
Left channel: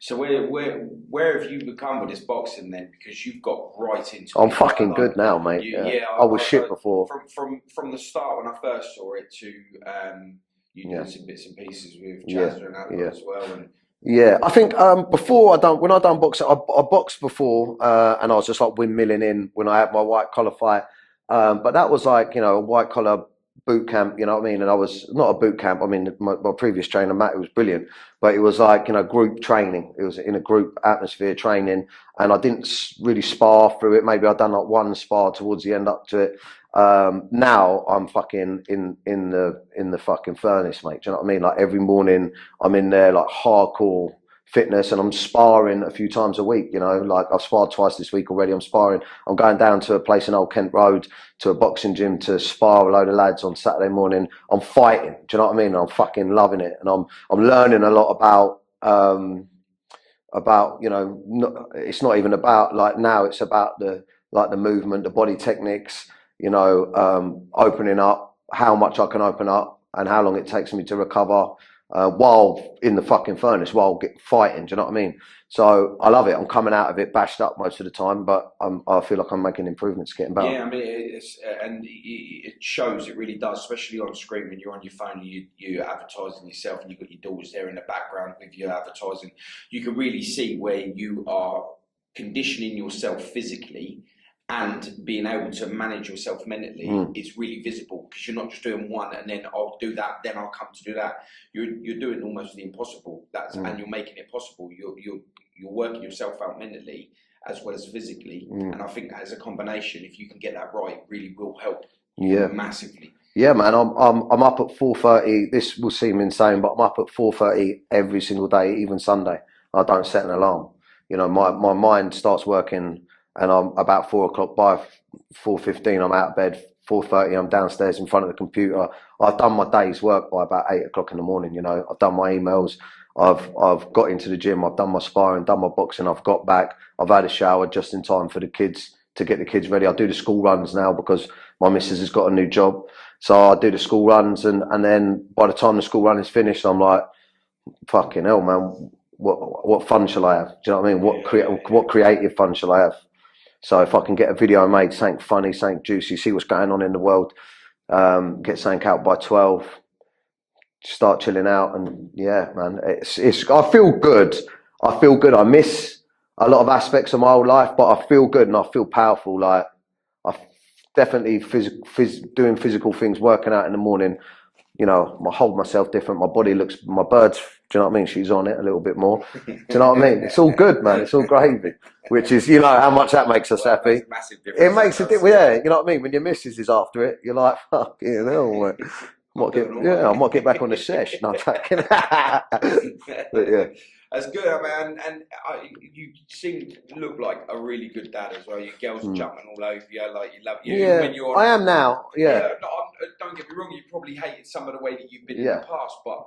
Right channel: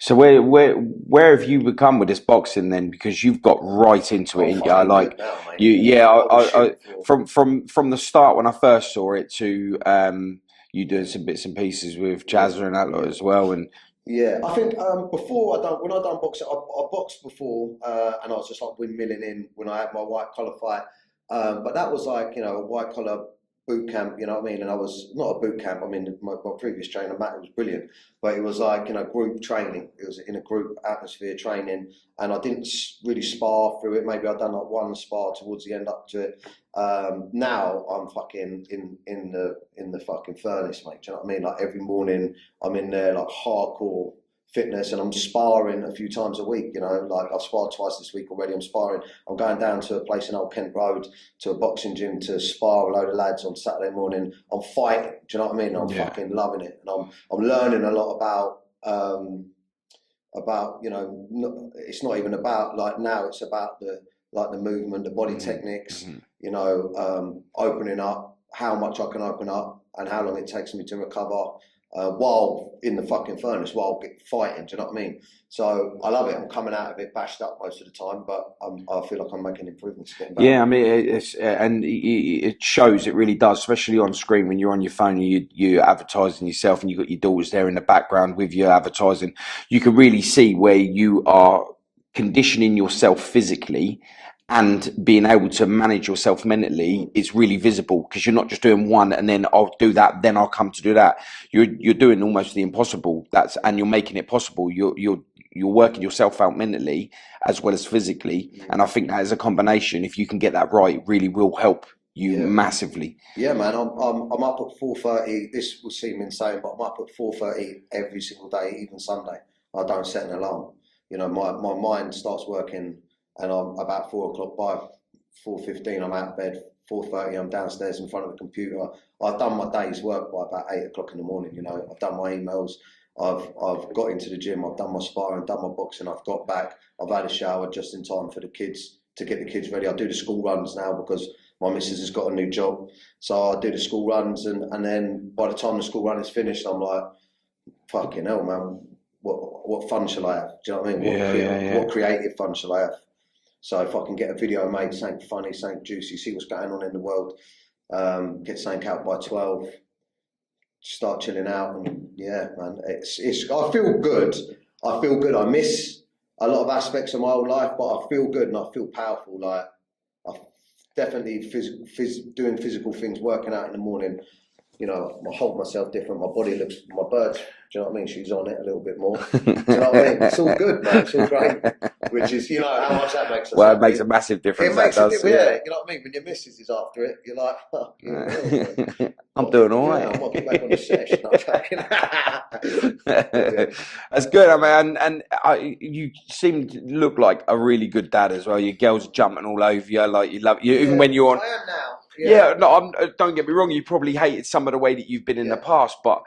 So where have you become with this boxing then? Because you've got right into it. I'm fucking good now, mate. I was shit before. From the start when I first saw it to you doing some bits and pieces with Jazza and that as well, and. Yeah, I think when I done boxing, I boxed before, and I was just like windmilling in when I had my white collar fight. But that was like, a white collar boot camp, you know what I mean? And I was not a boot camp. I mean, my previous trainer, Matt, was brilliant, but it was like, group training. It was in a group atmosphere training, and I didn't really spar through it. Maybe I'd done like one spar towards the end up to it. Now I'm fucking in the fucking furnace, mate. Do you know what I mean? Like every morning I'm in there like hardcore fitness, and I'm sparring a few times a week. Like I've sparred twice this week already. I'm going down to a place in Old Kent Road to a boxing gym to spar a load of lads on Saturday morning. I'm fighting. Do you know what I mean? I'm fucking loving it, and I'm learning a lot about it's not even about like now. It's about the movement, the body techniques. Opening up, how much I can open up, and how long it takes me to recover while in the fucking furnace, while fighting. Do you know what I mean? So I love it. I'm coming out of it bashed up most of the time, but I feel like I'm making improvements, getting better. Yeah, I mean, it shows. It really does, especially on screen when you're on your phone and you're advertising yourself, and you've got your daughters there in the background with your advertising. You can really see where you are conditioning yourself physically and being able to manage yourself mentally. It's really visible because you're not just doing one and then I'll do that, then I'll come to do that. You're doing almost the impossible. And you're making it possible. You're working yourself out mentally as well as physically, and I think that as a combination, if you can get that right, really will help you massively. Yeah, man. I'm up at 4:30. This will seem insane, but I'm up at 4:30 every single day, even Sunday. I don't set an alarm. My mind starts working. And I'm about 4 o'clock, by 4:15, I'm out of bed. 4:30, I'm downstairs in front of the computer. I've done my day's work by about 8 o'clock in the morning. I've done my emails. I've got into the gym. I've done my sparring, done my boxing. I've got back. I've had a shower just in time for the kids, to get the kids ready. I do the school runs now because my missus has got a new job. So I do the school runs, and then by the time the school run is finished, I'm like, fucking hell, man, what fun shall I have? Do you know what I mean? What creative fun shall I have? So if I can get a video made, something funny, something juicy, see what's going on in the world, get something out by 12, start chilling out, and yeah, man, it's. I feel good. I feel good. I miss a lot of aspects of my old life, but I feel good and I feel powerful. Like I definitely doing physical things, working out in the morning. You know, I hold myself different. My body looks, my birds, do you know what I mean? She's on it a little bit more. Do you know what I mean? It's all good, man. It's all great. Which is, you know, how much that makes us happy. It makes a massive difference. It makes a difference, yeah. You know what I mean? When your missus is after it, you're like, fuck, you know. I'm doing all right. Yeah, I might get back on the sesh. No, yeah. That's good. I mean, and you seem to look like a really good dad as well. Your girl's jumping all over you, like you love you. Even when you're on, I am now. Yeah. No, don't get me wrong. You probably hated some of the way that you've been in the past, but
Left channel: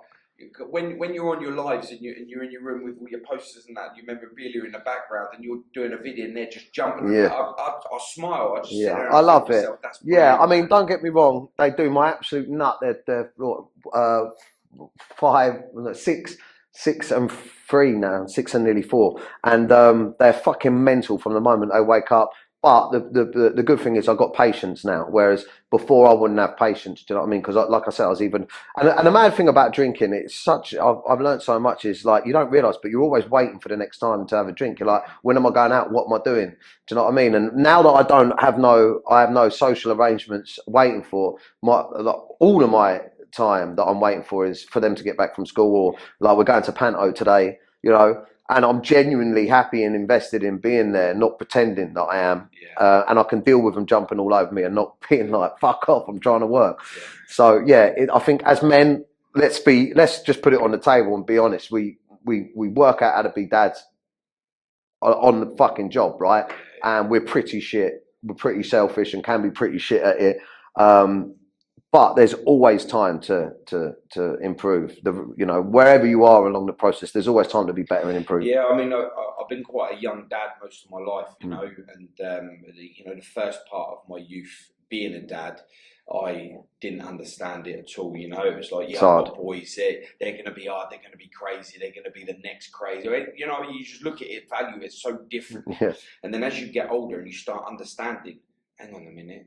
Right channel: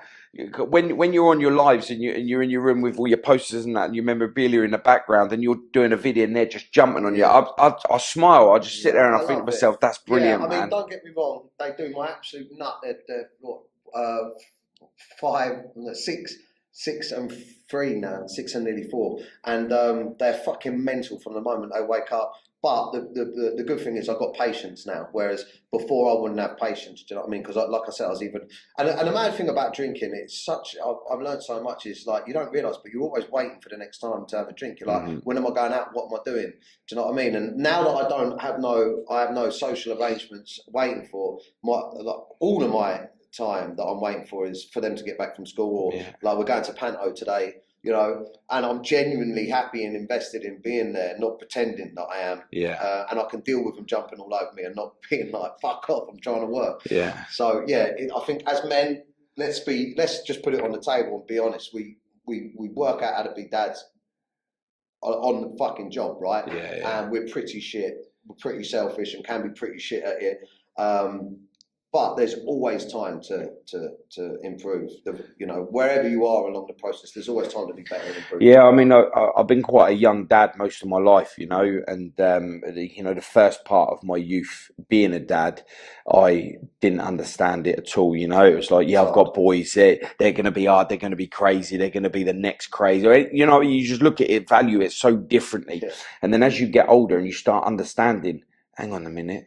when you're on your lives and you're in your room with all your posters and that, and your memorabilia in the background, and you're doing a video and they're just jumping on you, I smile. I just sit there and I think to myself, that's brilliant. Yeah, I mean, man. Don't get me wrong. They do my absolute nut. They're 6 and 3 now, 6 and nearly 4, and they're fucking mental from the moment they wake up. But the good thing is I've got patience now, whereas before I wouldn't have patience. Do you know what I mean? Because like I said, I was even... And the mad thing about drinking, it's such... I've learned so much, is like, you don't realise, but you're always waiting for the next time to have a drink. You're like, when am I going out? What am I doing? Do you know what I mean? And now that I have no social arrangements waiting for, all of my time that I'm waiting for is for them to get back from school, or like we're going to Panto today, you know, and I'm genuinely happy and invested in being there, not pretending that I am. Yeah. And I can deal with them jumping all over me and not being like, fuck off, I'm trying to work. Yeah. So yeah, I think as men, let's just put it on the table and be honest. We work out how to be dads on the fucking job, right? Yeah. And we're pretty shit. We're pretty selfish and can be pretty shit at it. But there's always time to improve. You know, wherever you are along the process, there's always time to be better and improve. Yeah, I mean, I've been quite a young dad most of my life, you know, and you know, the first part of my youth being a dad, I didn't understand it at all. You know, it was like, I've got boys. They're going to be hard. They're going to be crazy. They're going to be the next crazy. You know, you just look at it, value it so differently, and then as you get older and you start understanding, hang on a minute,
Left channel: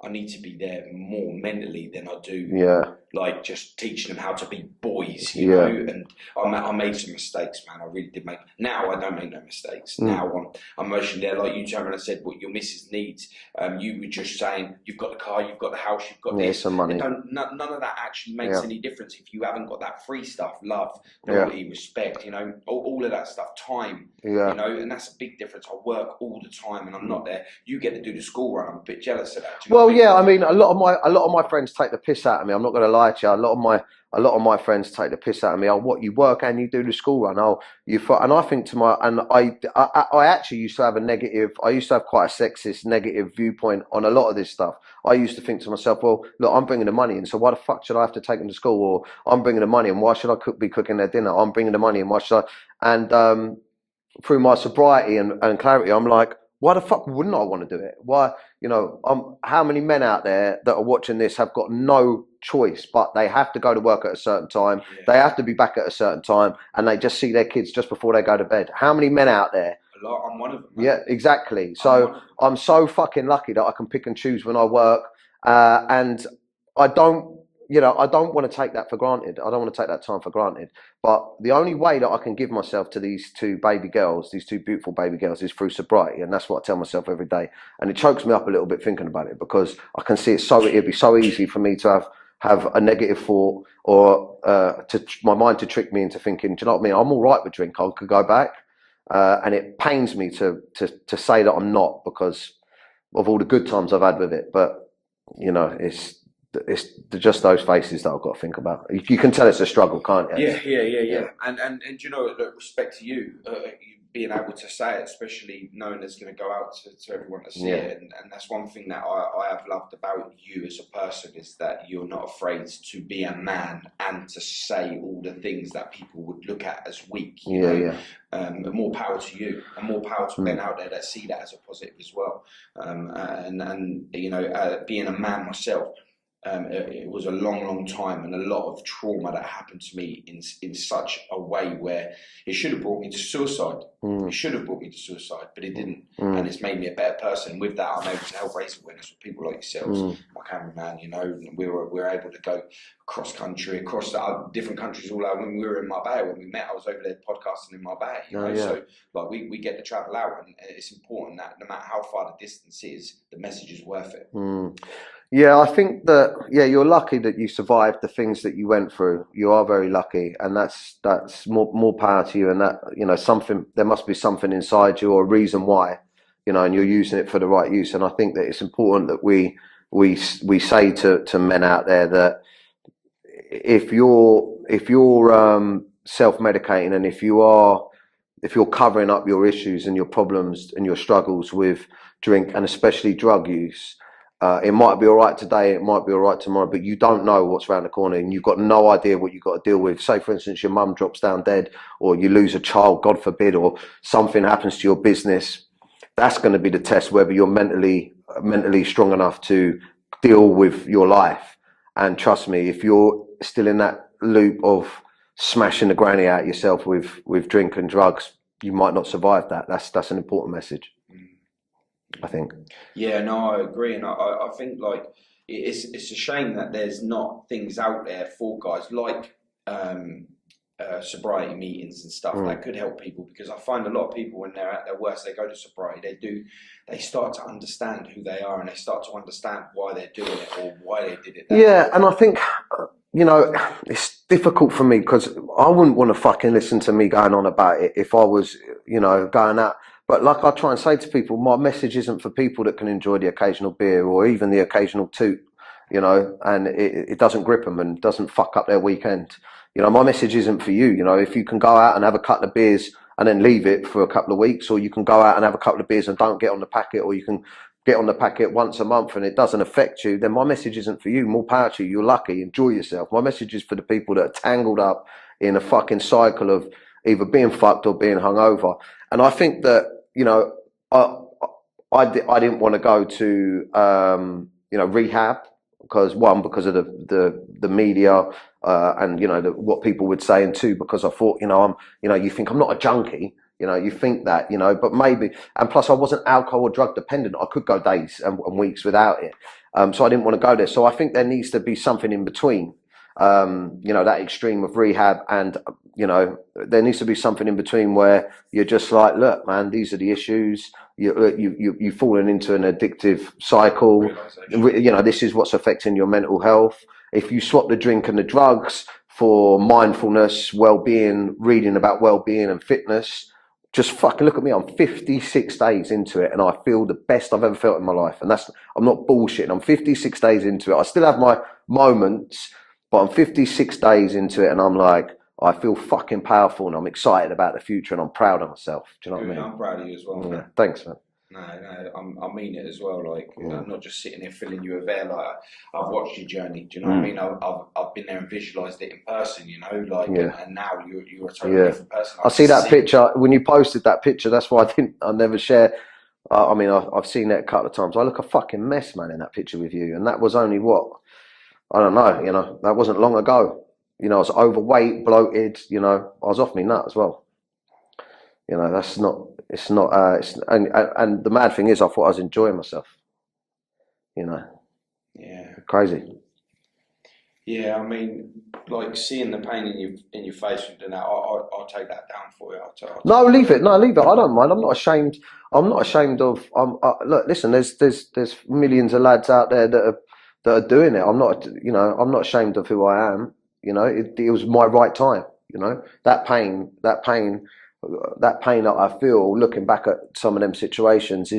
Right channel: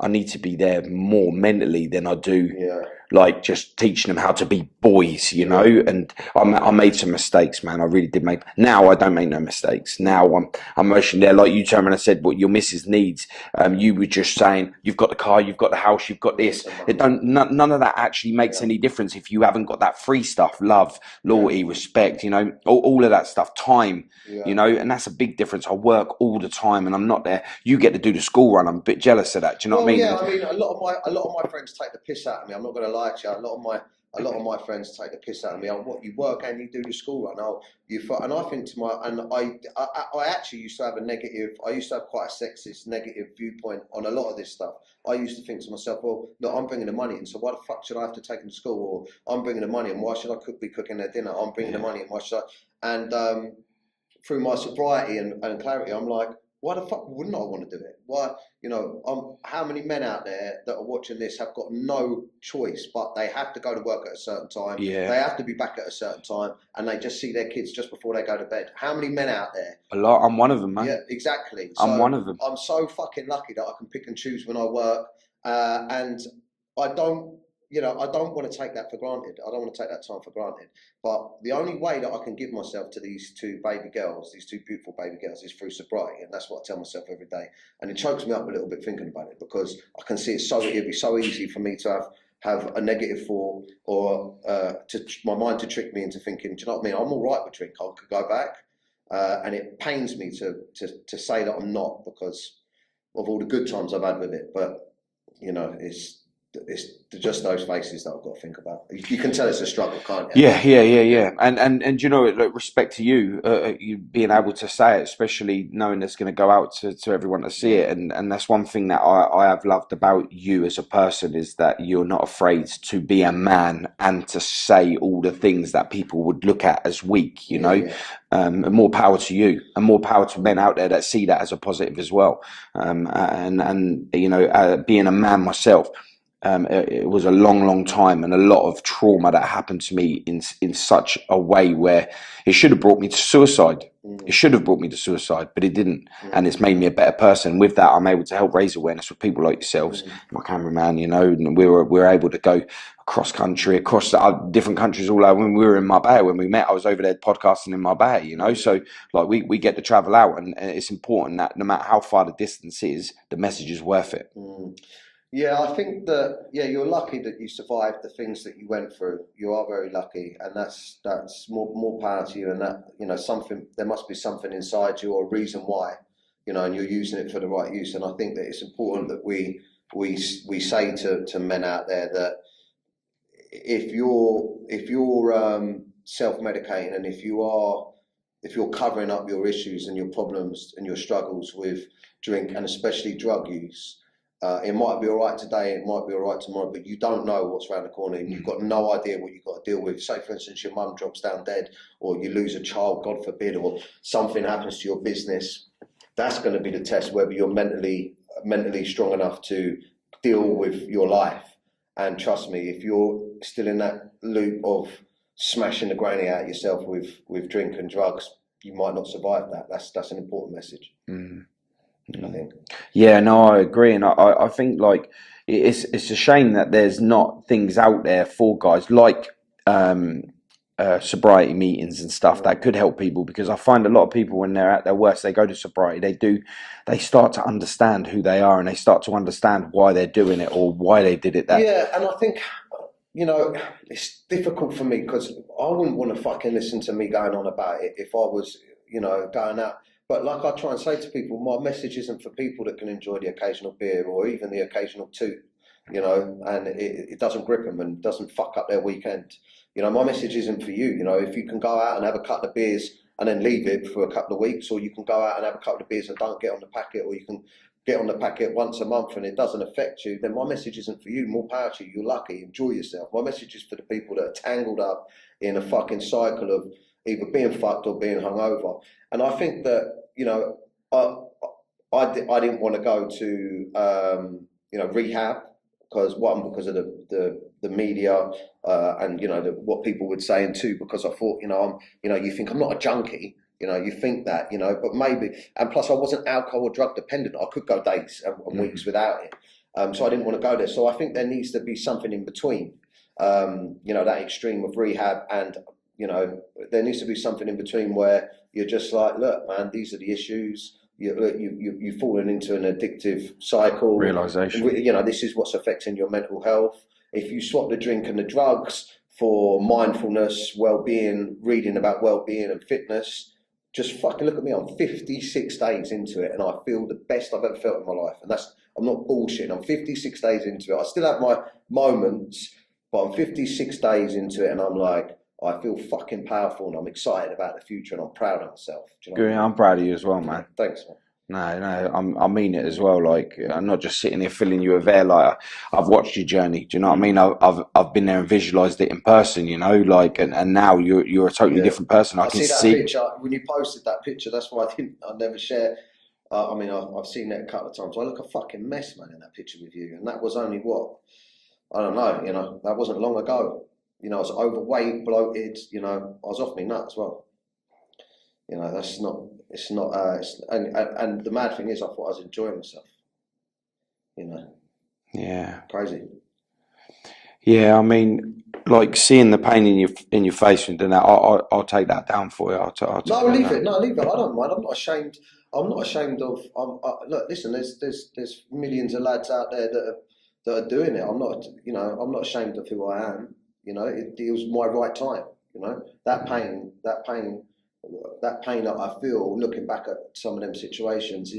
I need to be there more mentally than I do, like just teaching them how to be boys, you know. And I made some mistakes, man. I really did make. Now I don't make no mistakes. Now I'm emotionally there. Like you turned around and said, what your missus needs. You were just saying, you've got the car, you've got the house, you've got this. None of that actually makes any difference if you haven't got that free stuff, love, loyalty, respect. You know, all of that stuff, time. You know, and that's a big difference. I work all the time and I'm not there. You get to do the school run. I'm a bit jealous of that. Do you know what I mean? Yeah, I mean, a lot of my friends take the piss out of me. I'm not going to lie to you. A lot of my friends take the piss out of me. Oh, what, you work and you do the school run? Oh, and I think I actually used to have I used to have quite a sexist, negative viewpoint on a lot of this stuff. I used to think to myself, well, look, I'm bringing the money in, so why the fuck should I have to take them to school? Or I'm bringing the money in, why should I be cooking their dinner? I'm bringing the money in, why should I? And through my sobriety and clarity, I'm like, why the fuck wouldn't I want to do it? Why, you know, how many men out there that are watching this have got no choice, but they have to go to work at a certain time. Yeah. They have to be back at a certain time, and they just see their kids just before they go to bed. How many men out there? A lot. I'm one of them, man. Yeah, exactly. So I'm one of them. I'm so fucking lucky that I can pick and choose when I work, and I don't want to take that for granted. I don't want to take that time for granted. But the only way that I can give myself to these two beautiful baby girls, is through sobriety. And that's what I tell myself every day. And it chokes me up a little bit thinking about it, because I can see it'd be so easy for me to have a negative thought, or my mind to trick me into thinking, do you know what I mean? I'm all right with drink. I could go back. And it pains me to say that I'm not, because of all the good times I've had with it. But, you know, it's just those faces that I've got to think about. You can tell it's a struggle, can't you? Yeah. And you know, like, respect to you, you being able to say it, especially knowing it's going to go out to everyone to see it. And that's one thing that I have loved about you as a person, is that you're not afraid to be a man and to say all the things that people would look at as weak, you know. And more power to you, and more power to men out there that see that as a positive as well. And you know, being a man myself, it was a long time, and a lot of trauma that happened to me in such a way where it should have brought me to suicide. It should have brought me to suicide, but it didn't. And it's made me a better person. With that, I'm able to help raise awareness with people like yourselves, my cameraman, you know, and we're able to go across country, across different countries all over. When we were in Marbella, when we met, I was over there podcasting in Marbella, you know. So like we get to travel out, and it's important that no matter how far the distance is, the message is worth it. Yeah, I think that, you're lucky that you survived the things that you went through. You are very lucky, and that's more power to you. And that, you know, there must be something inside you, or a reason why, you know, and you're using it for the right use. And I think that it's important that we say to men out there that if you're self-medicating, and if you're covering up your issues and your problems and your struggles with drink, and especially drug use, it might be all right today, it might be all right tomorrow, but you don't know what's around the corner, and you've got no idea what you've got to deal with. Say, for instance, your mum drops down dead, or you lose a child, God forbid, or something happens to your business. That's going to be the test, whether you're mentally strong enough to deal with your life. And trust me, if you're still in that loop of smashing the granny out yourself with drink and drugs, you might not survive that. That's an important message. I think. Yeah, no, I agree, and I think like it's a shame that there's not things out there for guys like sobriety meetings and stuff that could help people, because I find a lot of people, when they're at their worst, they go to sobriety, they start to understand who they are, and they start to understand why they're doing it, or why they did it. And I think, you know, it's difficult for me, because I wouldn't want to fucking listen to me going on about it if I was, you know, going out. But like I try and say to people, my message isn't for people that can enjoy the occasional beer or even the occasional toot, you know, and it doesn't grip them and doesn't fuck up their weekend. You know, my message isn't for you. You know, if you can go out and have a couple of beers and then leave it for a couple of weeks, or you can go out and have a couple of beers and don't get on the packet, or you can get on the packet once a month and it doesn't affect you, then my message isn't for you. More power to you. You're lucky. Enjoy yourself. My message is for the people that are tangled up in a fucking cycle of either being fucked or being hungover. And I think that, you know, I didn't want to go to you know, rehab, because of the media and, you know, what people would say, and two, because I thought, you know, you think I'm not a junkie, you know, you think that, you know, but maybe, and plus I wasn't alcohol or drug dependent. I could go days and weeks without it, so I didn't want to go there. So I think there needs to be something in between, you know, that extreme of rehab, and you know, there needs to be something in between where you're just like, look, man, these are the issues. You've fallen into an addictive cycle. Realization. You know, this is what's affecting your mental health. If you swap the drink and the drugs for mindfulness, well-being, reading about well-being and fitness, just fucking look at me. I'm 56 days into it, and I feel the best I've ever felt in my life. And I'm not bullshitting. I'm 56 days into it. I still have my moments, but I'm 56 days into it, and I'm like, I feel fucking powerful, and I'm excited about the future, and I'm proud of myself. Do you know what I mean? I'm proud of you as well, man. Thanks, man. No, I mean it as well. Like, I'm not just sitting here filling you with air. Like, I've watched your journey. Do you know what I mean? I've been there and visualized it in person. You know, like, and now you're a totally different person. I see that picture when you posted that picture. That's why I never share. I mean, I've seen that a couple of times. I look a fucking mess, man, in that picture with you, and that was only what, I don't know. You know, that wasn't long ago. You know, I was overweight, bloated. You know, I was off me nut as well. You know, that's not. It's not. And the mad thing is, I thought I was enjoying myself. You know. Yeah. Crazy. Yeah, I mean, like, seeing the pain in your face and that, I'll take that down for you. No, leave it. No, leave it. I don't mind. I'm not ashamed. I'm not ashamed of. Look, listen. There's millions of lads out there that are doing it. I'm not. You know, I'm not ashamed of who I am. You know, it was my right time. You know, that pain that I feel looking back at some of them situations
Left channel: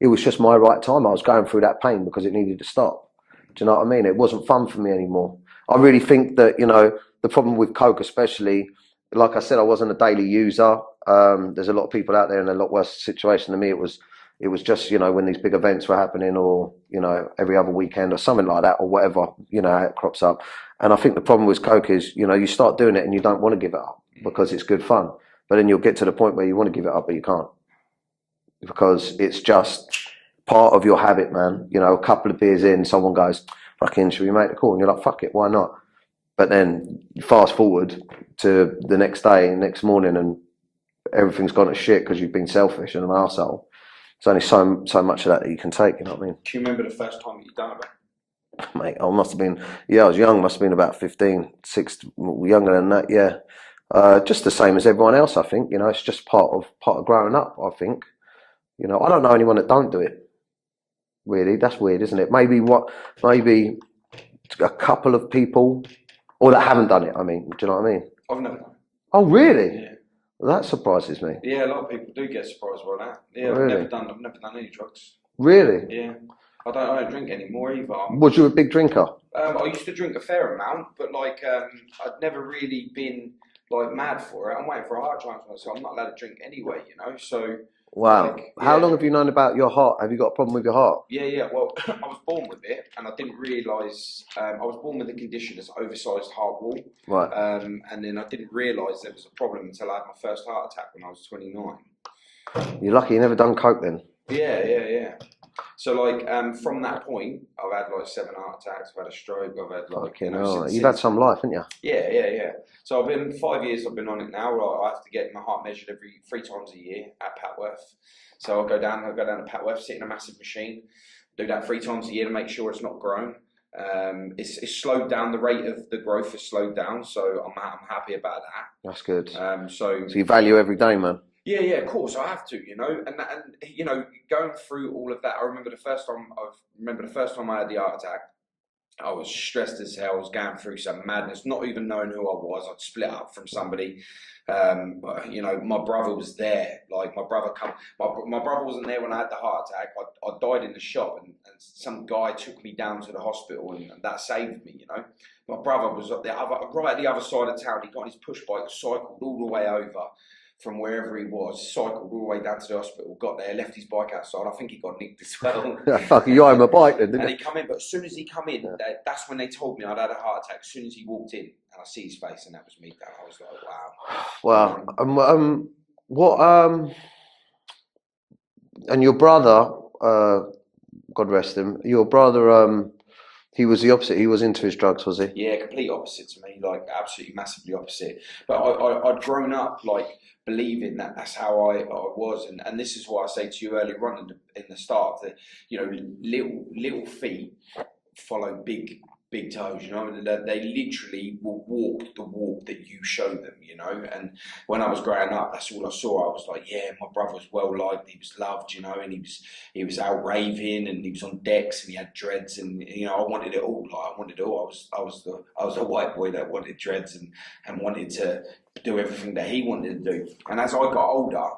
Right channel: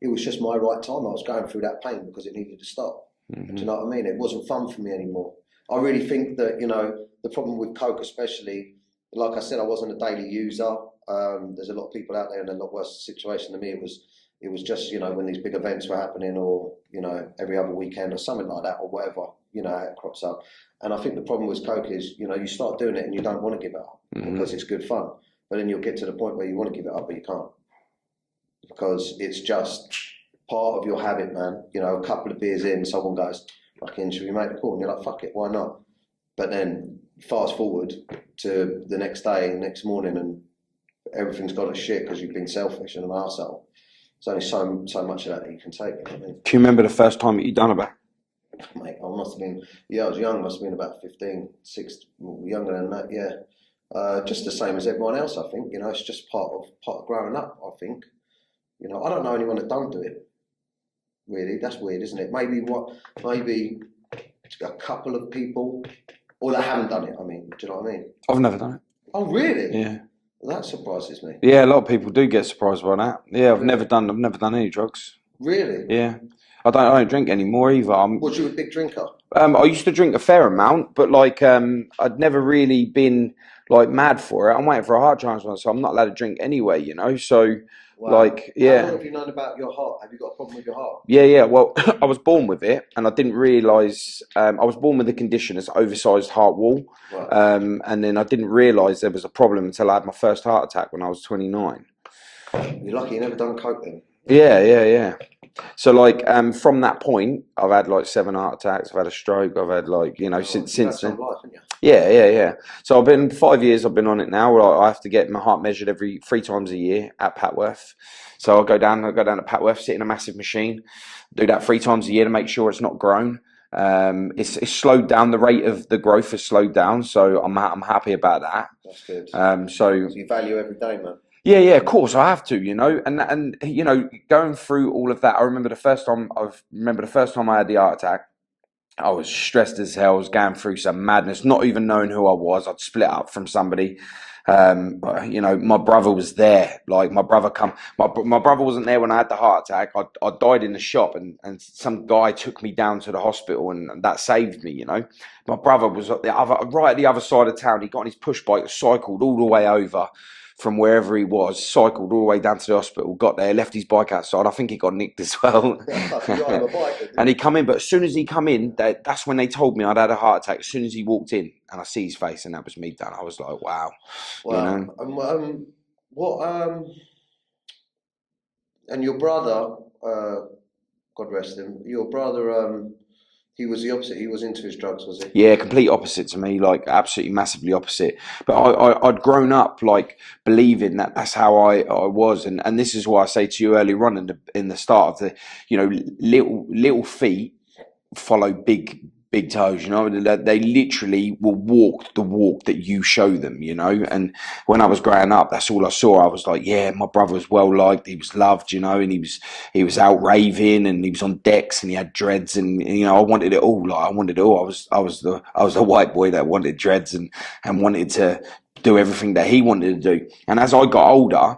it was just my right time. I was going through that pain because it needed to stop. Do you know what I mean? It wasn't fun for me anymore. I really think that, you know, the problem with coke especially, like I said, I wasn't a daily user. There's a lot of people out there in a lot worse situation than me. It was just, you know, when these big events were happening, or, you know, every other weekend or something like that, or whatever, you know, how it crops up. And I think the problem with coke is, you know, you start doing it and you don't want to give it up because it's good fun. But then you'll get to the point where you want to give it up, but you can't, because it's just part of your habit, man. You know, a couple of beers in, someone goes, fucking, should we make the call? And you're like, fuck it, why not? But then you fast forward to the next day and next morning, and everything's gone to shit because you've been selfish and an arsehole. There's only so much of that you can take, you know what I mean? Do you remember the first time that you done it? Mate, I must have been, I was young, must have been about 15, 16, younger than that, yeah. Just the same as everyone else, I think. You know, it's just part of growing up, I think. You know, I don't know anyone that don't do it. Really, that's weird, isn't it? Maybe a couple of people, or that haven't done it. I mean, do you know what I mean? I've never done it. Oh, really? Yeah. Well, that surprises me. Yeah, a lot of people do get surprised by that. Yeah, Really? I've never done any drugs. Really? Yeah. I don't drink anymore either. Was you a big drinker? I used to drink a fair amount, but like I'd never really been like mad for it. I'm waiting for a heart transplant, so I'm not allowed to drink anyway, you know. So Wow. like, yeah. How long have you known about your heart? Have you got a problem with your heart? Yeah. Well, I was born with it, and I didn't realise. I was born with a condition, it's oversized heart wall. Right. And then I didn't realise there was a problem until I had my first heart attack when I was 29. You're lucky you never done coke then. Yeah. So like from that point, I've had like 7 heart attacks. I've had a stroke. I've had like, you know, since you've had some life, haven't you? Yeah. So I've been 5 years. I've been on it now. I have to get my heart measured every 3 times a year at Patworth. So I go down to Patworth, sit in a massive machine, do that 3 times a year to make sure it's not grown. It's slowed down. The rate of the growth has slowed down. So I'm happy about that. That's good. So you value every day, man. Yeah, of course I have to, you know, and you know, going through all of that, I remember the first time I had the heart attack, I was stressed as hell. I was going through some madness, not even knowing who I was. I'd split up from somebody. You know, my brother was there. Like my brother wasn't there when I had the heart attack. I died in the shop, and some guy took me down to the hospital, and that saved me. You know, my brother was right at the other side of town. He got on his push bike, cycled all the way over from wherever he was, cycled all the way down to the hospital, got there, left his bike outside. I think he got nicked as well. You got him a bike then, didn't and he come in, but as soon as he come in, that's when they told me I'd had a heart attack. As soon as he walked in, and I see his face, and that was me done. I was like, wow. Well, and your brother, God rest him, your brother, he was the opposite. He was into his drugs, was he? Yeah, complete opposite to me, like absolutely massively opposite. But I'd grown up like believing that that's how I was, and this is why I say to you earlier on in the start of the, you know, little feet follow big toes, you know. They literally will walk the walk that you show them, you know. And when I was growing up, that's all I saw. I was like, yeah, my brother was well liked, he was loved, you know, and he was out raving, and he was on decks, and he had dreads, and you know, I wanted it all. Like I wanted it all. I was the white boy that wanted dreads and wanted to do everything that he wanted to do. And as I got older,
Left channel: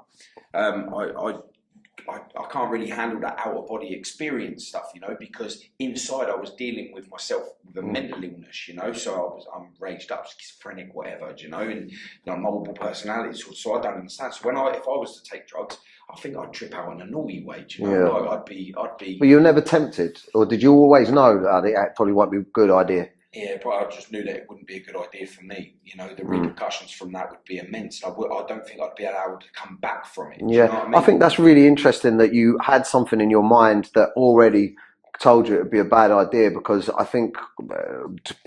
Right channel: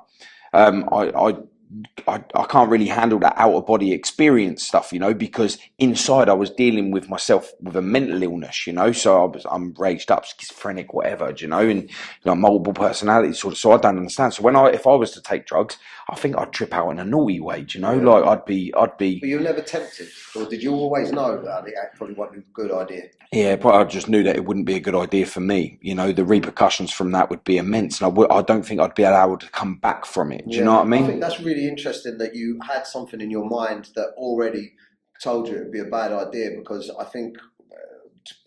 I can't really handle that out of body experience stuff, you know, because inside I was dealing with myself with a mental illness, you know. So I'm raged up, schizophrenic, whatever, you know, and you know, multiple personality sort of. So I don't understand. So if I was to take drugs, I think I'd trip out in a naughty way, do you know. Like I'd be. But you were never tempted, or did you always know that it probably won't be a good idea? Yeah, but I just knew that it wouldn't be a good idea for me. You know, the repercussions from that would be immense, and I don't think I'd be able to come back from it. Do you know what I mean? I think that's really interesting that you had something in your mind that already told you it would be a bad idea, because I think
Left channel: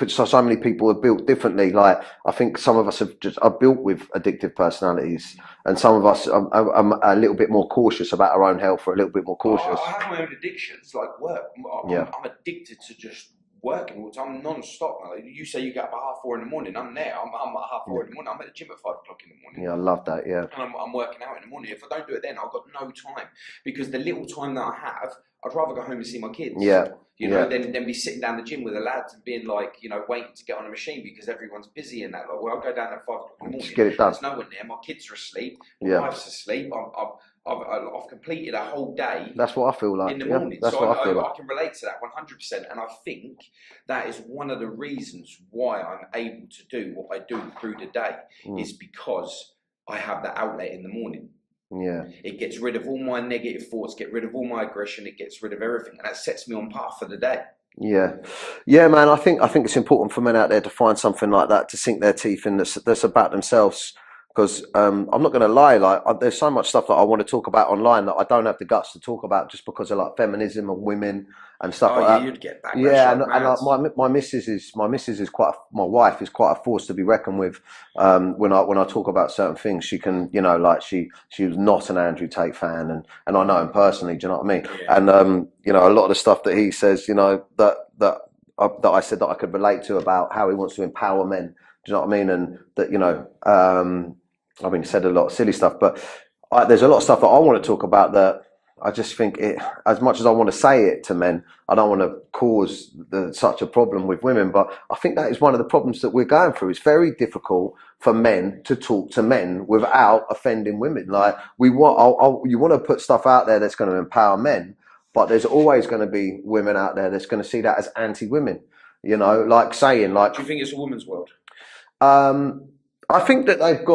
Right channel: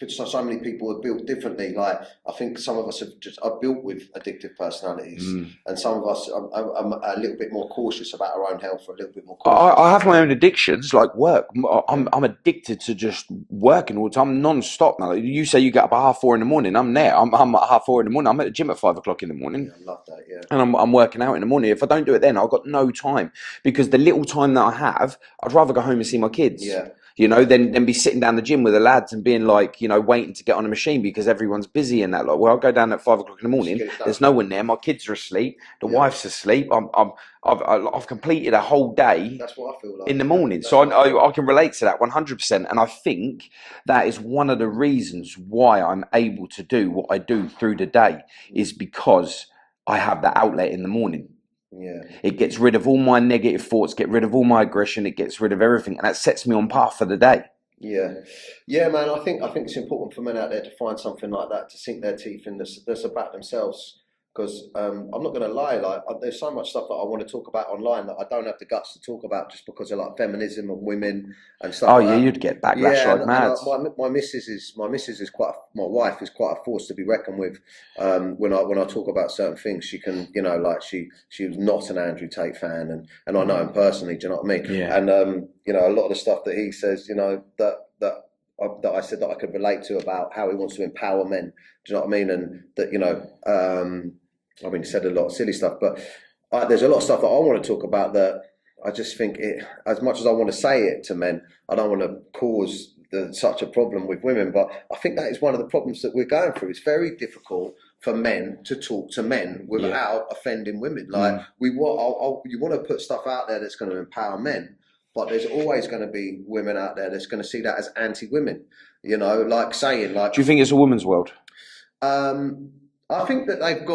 so many people are built differently. Like I think some of us are built with addictive personalities, and some of us are a little bit more cautious about our own health, or a little bit more cautious. I have my own addictions, like work. I'm addicted to just working all the time, non-stop. Now, you say you get up at 4:30 in the morning. I'm there. I'm at 4:30 in the morning. I'm at the gym at 5 o'clock in the morning. Yeah, I love that. Yeah, and I'm working out in the morning. If I don't do it then, I've got no time, because the little time that I have, I'd rather go home and see my kids. Yeah. You know, then be sitting down the gym with the lads and being like, you know, waiting to get on a machine because everyone's busy and that. Like, well, I'll go down at 5 o'clock in the morning. There's no one there. My kids are asleep. The wife's asleep. I've completed a whole day. That's what I feel like in the morning. So I can relate to that 100%. And I think that is one of the reasons why I'm able to do what I do through the day is because I have that outlet in the morning. Yeah. It gets rid of all my negative thoughts, get rid of all my aggression, it gets rid of everything, and that sets me on path for the day. Yeah, man. I think it's important for men out there to find something like that to sink their teeth in. That's about themselves. Because I'm not going to lie, like there's so much stuff that I want to talk about online that I don't have the guts to talk about just because of like feminism and women and stuff. Oh like yeah, that. you'd get backlash like mad. My missus is my wife is quite a force to be reckoned with. When I talk about certain things, she can, you know, like she was not an Andrew Tate fan, and I know him personally. Do you know what I mean? Yeah. And you know, a lot of the stuff that he says, you know, that I said that I could relate to about how he wants to empower men. Do you know what I mean? And that, you know, I mean, he said a lot of silly stuff, but there's a lot of stuff that I want to talk about that I just think it, as much as I want to say it to men, I don't want to cause such a problem with women, but I think that is one of the problems that we're going through. It's very difficult for men to talk to men without offending women. Like you want to put stuff out there that's going to empower men, but there's always going to be women out there that's going to see that as anti-women, you know, like saying like... Do you think it's a woman's world? I think that they've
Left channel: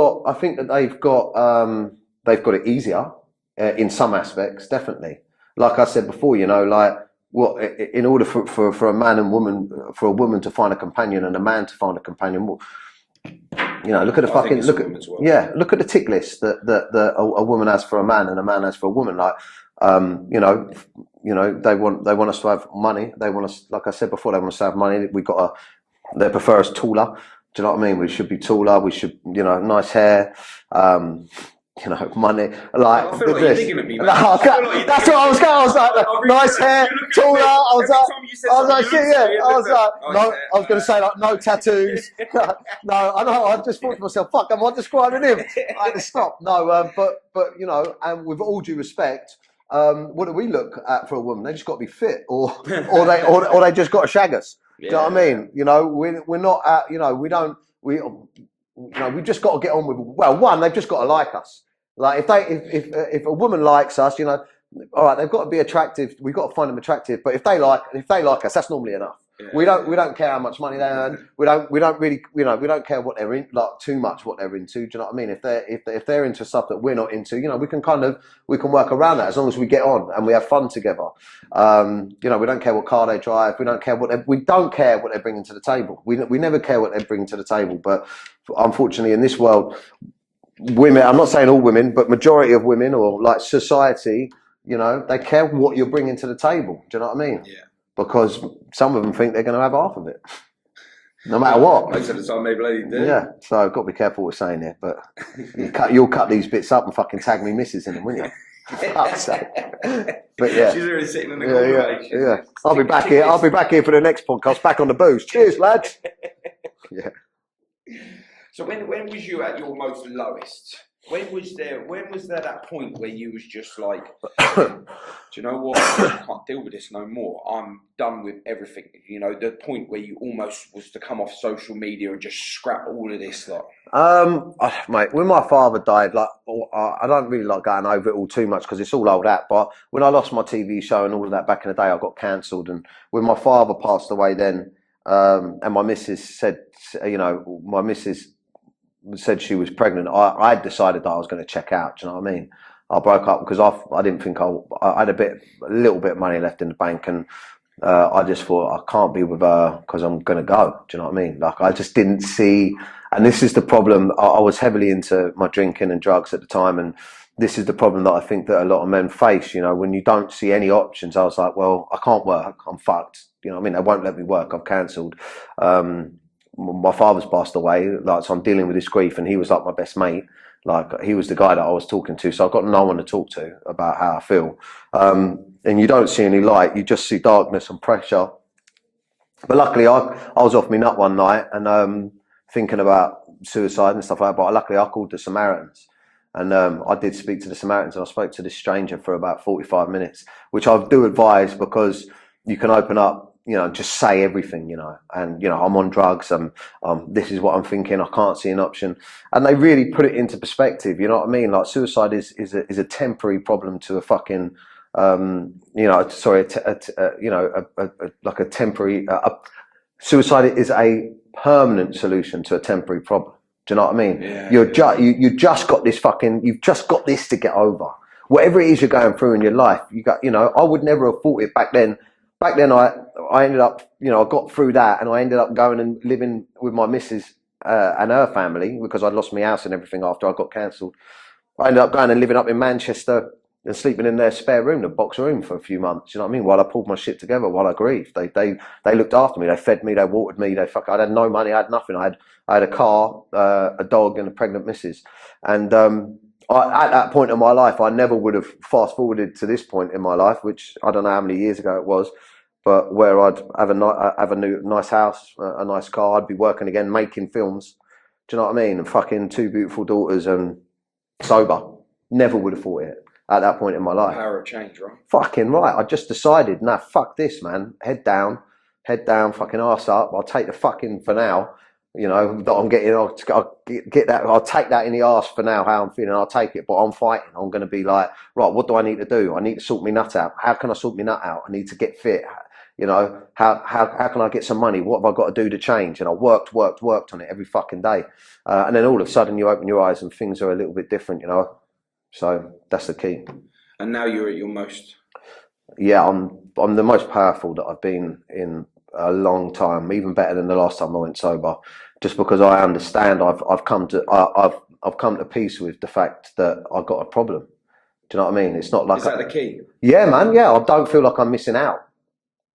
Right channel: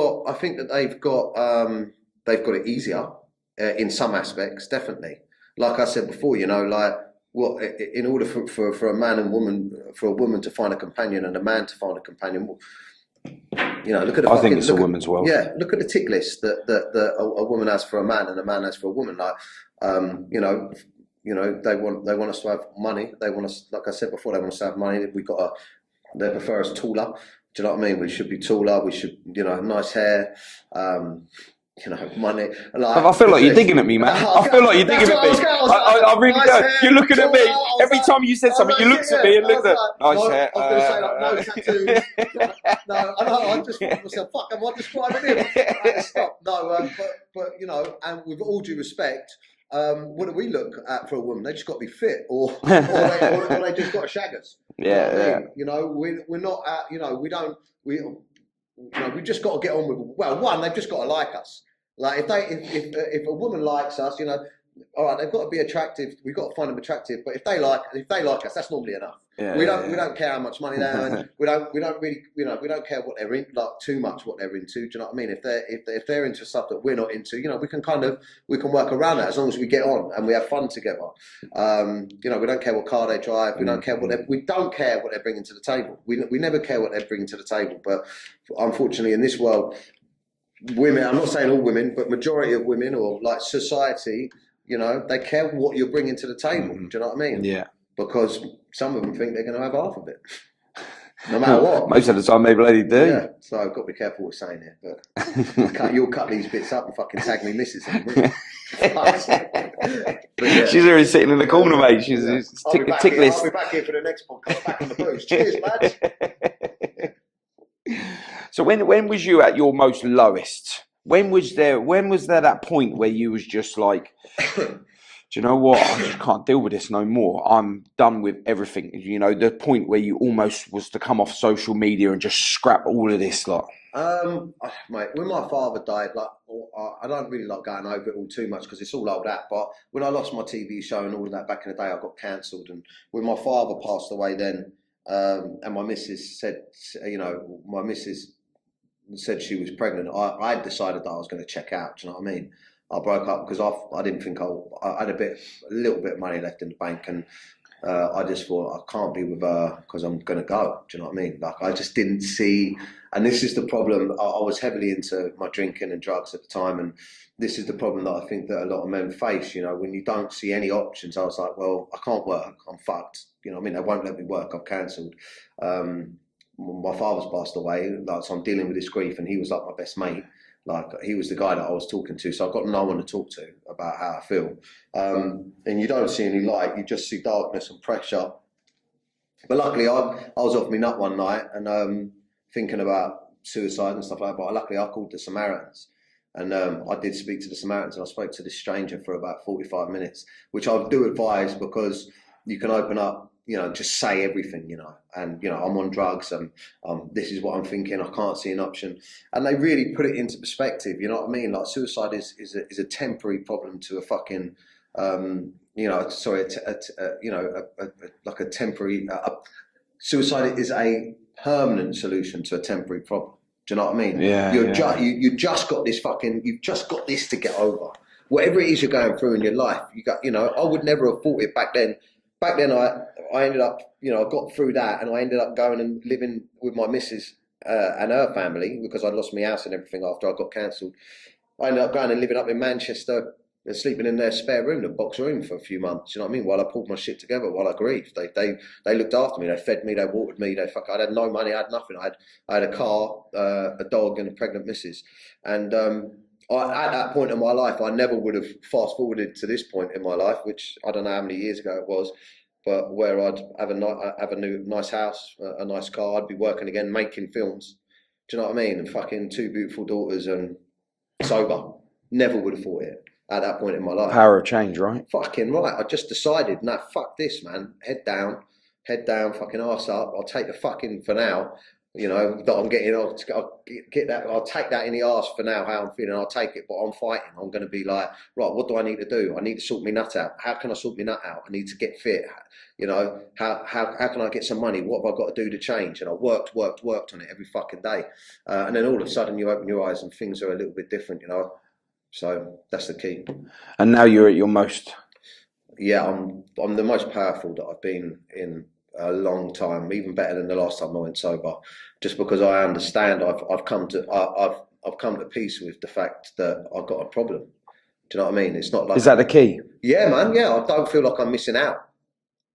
got it easier in some aspects, definitely. Like I said before, you know, like in order for a man and woman, for a woman to find a companion and a man to find a companion, well, you know, look at the I think it's a woman's world. Yeah, look at the tick list that a woman has for a man and a man has for a woman. Like, you know, they want us to have money. They want us, like I said before, they want us to have money. They prefer us taller. Do you know what I mean? We should be taller. We should, you know, nice hair. You know, money. Like, I feel like you're digging at me, man. I feel like you're digging at me. That's what I was going. I really nice hair. You're looking at me. Every time you said something, you looked at me and looked at nice hair. I was going to say, like, no tattoos. No, I know. I just thought to myself, fuck, am I describing him? I had to stop. No, but you know, and with all due respect, what do we look at for a woman? They just got to be fit, or they just got to shag us. You know what I mean? You know, we're not at, you know, we've just got to get on with. Well, one, they've just got to like us. Like if a woman likes us, you know, all right, they've got to be attractive. We've got to find them attractive. But if they like us, that's normally enough. We don't care how much money they earn. We don't really, you know, we don't care what they're in, like too much what they're into. Do you know what I mean? If they're into stuff that we're not into, you know, we can work around that as long as we get on and we have fun together. You know, we don't care what car they drive. We don't care what they're bringing to the table. We never care what they're bringing to the table. But unfortunately, in this world, women, I'm not saying all women, but majority of women or like society, you know, they care what you're bringing to the table. Do you know what I mean? Yeah. Because some of them think they're going to have half of it, no matter what. Most of the time, they bloody do. Yeah. So I've got to be careful what we're saying here. But you'll cut these bits up and fucking tag me missus in them, won't you? But yeah. She's already sitting in the corner, mate. She's I'll be back here. I'll be back here for the next podcast. Back on the booze. Cheers, lads. Yeah. So when was you at your most lowest? When was there that point where you was just like, do you know what? I just can't deal with this no more. I'm done with everything. You know, the point where you almost was to come off social media and just scrap all of this, like. Mate, when my father died, like, I don't really like going over it all too much because it's all old hat. But when I lost my TV show and all of that back in the day, I got cancelled. And when my father passed away, then, and my missus said, you know, said she was pregnant, I decided that I was going to check out. Do you know what I mean? I broke up because I didn't think I had a little bit of money left in the bank, and I just thought I can't be with her because I'm going to go. Do you know what I mean? Like, I just didn't see, and this is the problem. I was heavily into my drinking and drugs at the time, and this is the problem that I think that a lot of men face. You know, when you don't see any options, I was like, well, I can't work. I'm fucked. You know what I mean? They won't let me work. I've cancelled. My father's passed away, like, so I'm dealing with this grief, and he was like my best mate. Like, he was the guy that I was talking to, so I've got no one to talk to about how I feel. And you don't see any light, you just see darkness and pressure. But luckily, I was off my nut one night and thinking about suicide and stuff like that, but luckily I called the Samaritans. And I did speak to the Samaritans, and I spoke to this stranger for about 45 minutes, which I do advise because you can open up, just say everything, and I'm on drugs, and this is what I'm thinking. I can't see an option, and they really put it into perspective. You know what I mean? Like suicide is a temporary problem to a fucking, like a temporary. Suicide is a permanent solution to a temporary problem. Do you know what I mean? Yeah. You just got this you've just got this to get over. Whatever it is you're going through in your life, I would never have thought it back then. Back then, I ended up, I got through that, and I ended up going and living with my missus and her family, because I'd lost my house and everything after I got cancelled. I ended up going and living up in Manchester and sleeping in their spare room, the box room, for a few months. You know what I mean? While I pulled my shit together, while I grieved, they looked after me. They fed me, they watered me. I had no money, I had nothing. I had a car, a dog, and a pregnant missus, and at that point in my life, I never would have fast forwarded to this point in my life, which I don't know how many years ago it was, but where I'd have a new nice house, a nice car, I'd be working again, making films. Do you know what I mean? And fucking 2 beautiful daughters and sober. Never would have thought it at that point in my life. Power of change, right? Fucking right. I just decided, nah, fuck this, man. Head down, fucking arse up. I'll take the fucking for now. That I'm getting, I'll get that, I'll take that in the arse for now, how I'm feeling, I'll take it, but I'm fighting. I'm going to be like, right, what do I need to do? I need to sort my nut out. How can I sort my nut out? I need to get fit. How can I get some money? What have I got to do to change? And I worked on it every fucking day. And then all of a sudden you open your eyes and things are a little bit different, So that's the key. And now you're at your most. Yeah, I'm the most powerful that I've been in a long time, even better than the last time I went sober, just because I understand I've come to peace with the fact that I've got a problem. Do you know what I mean? It's not like, is that the key? Yeah, man. Yeah, I don't feel like I'm missing out.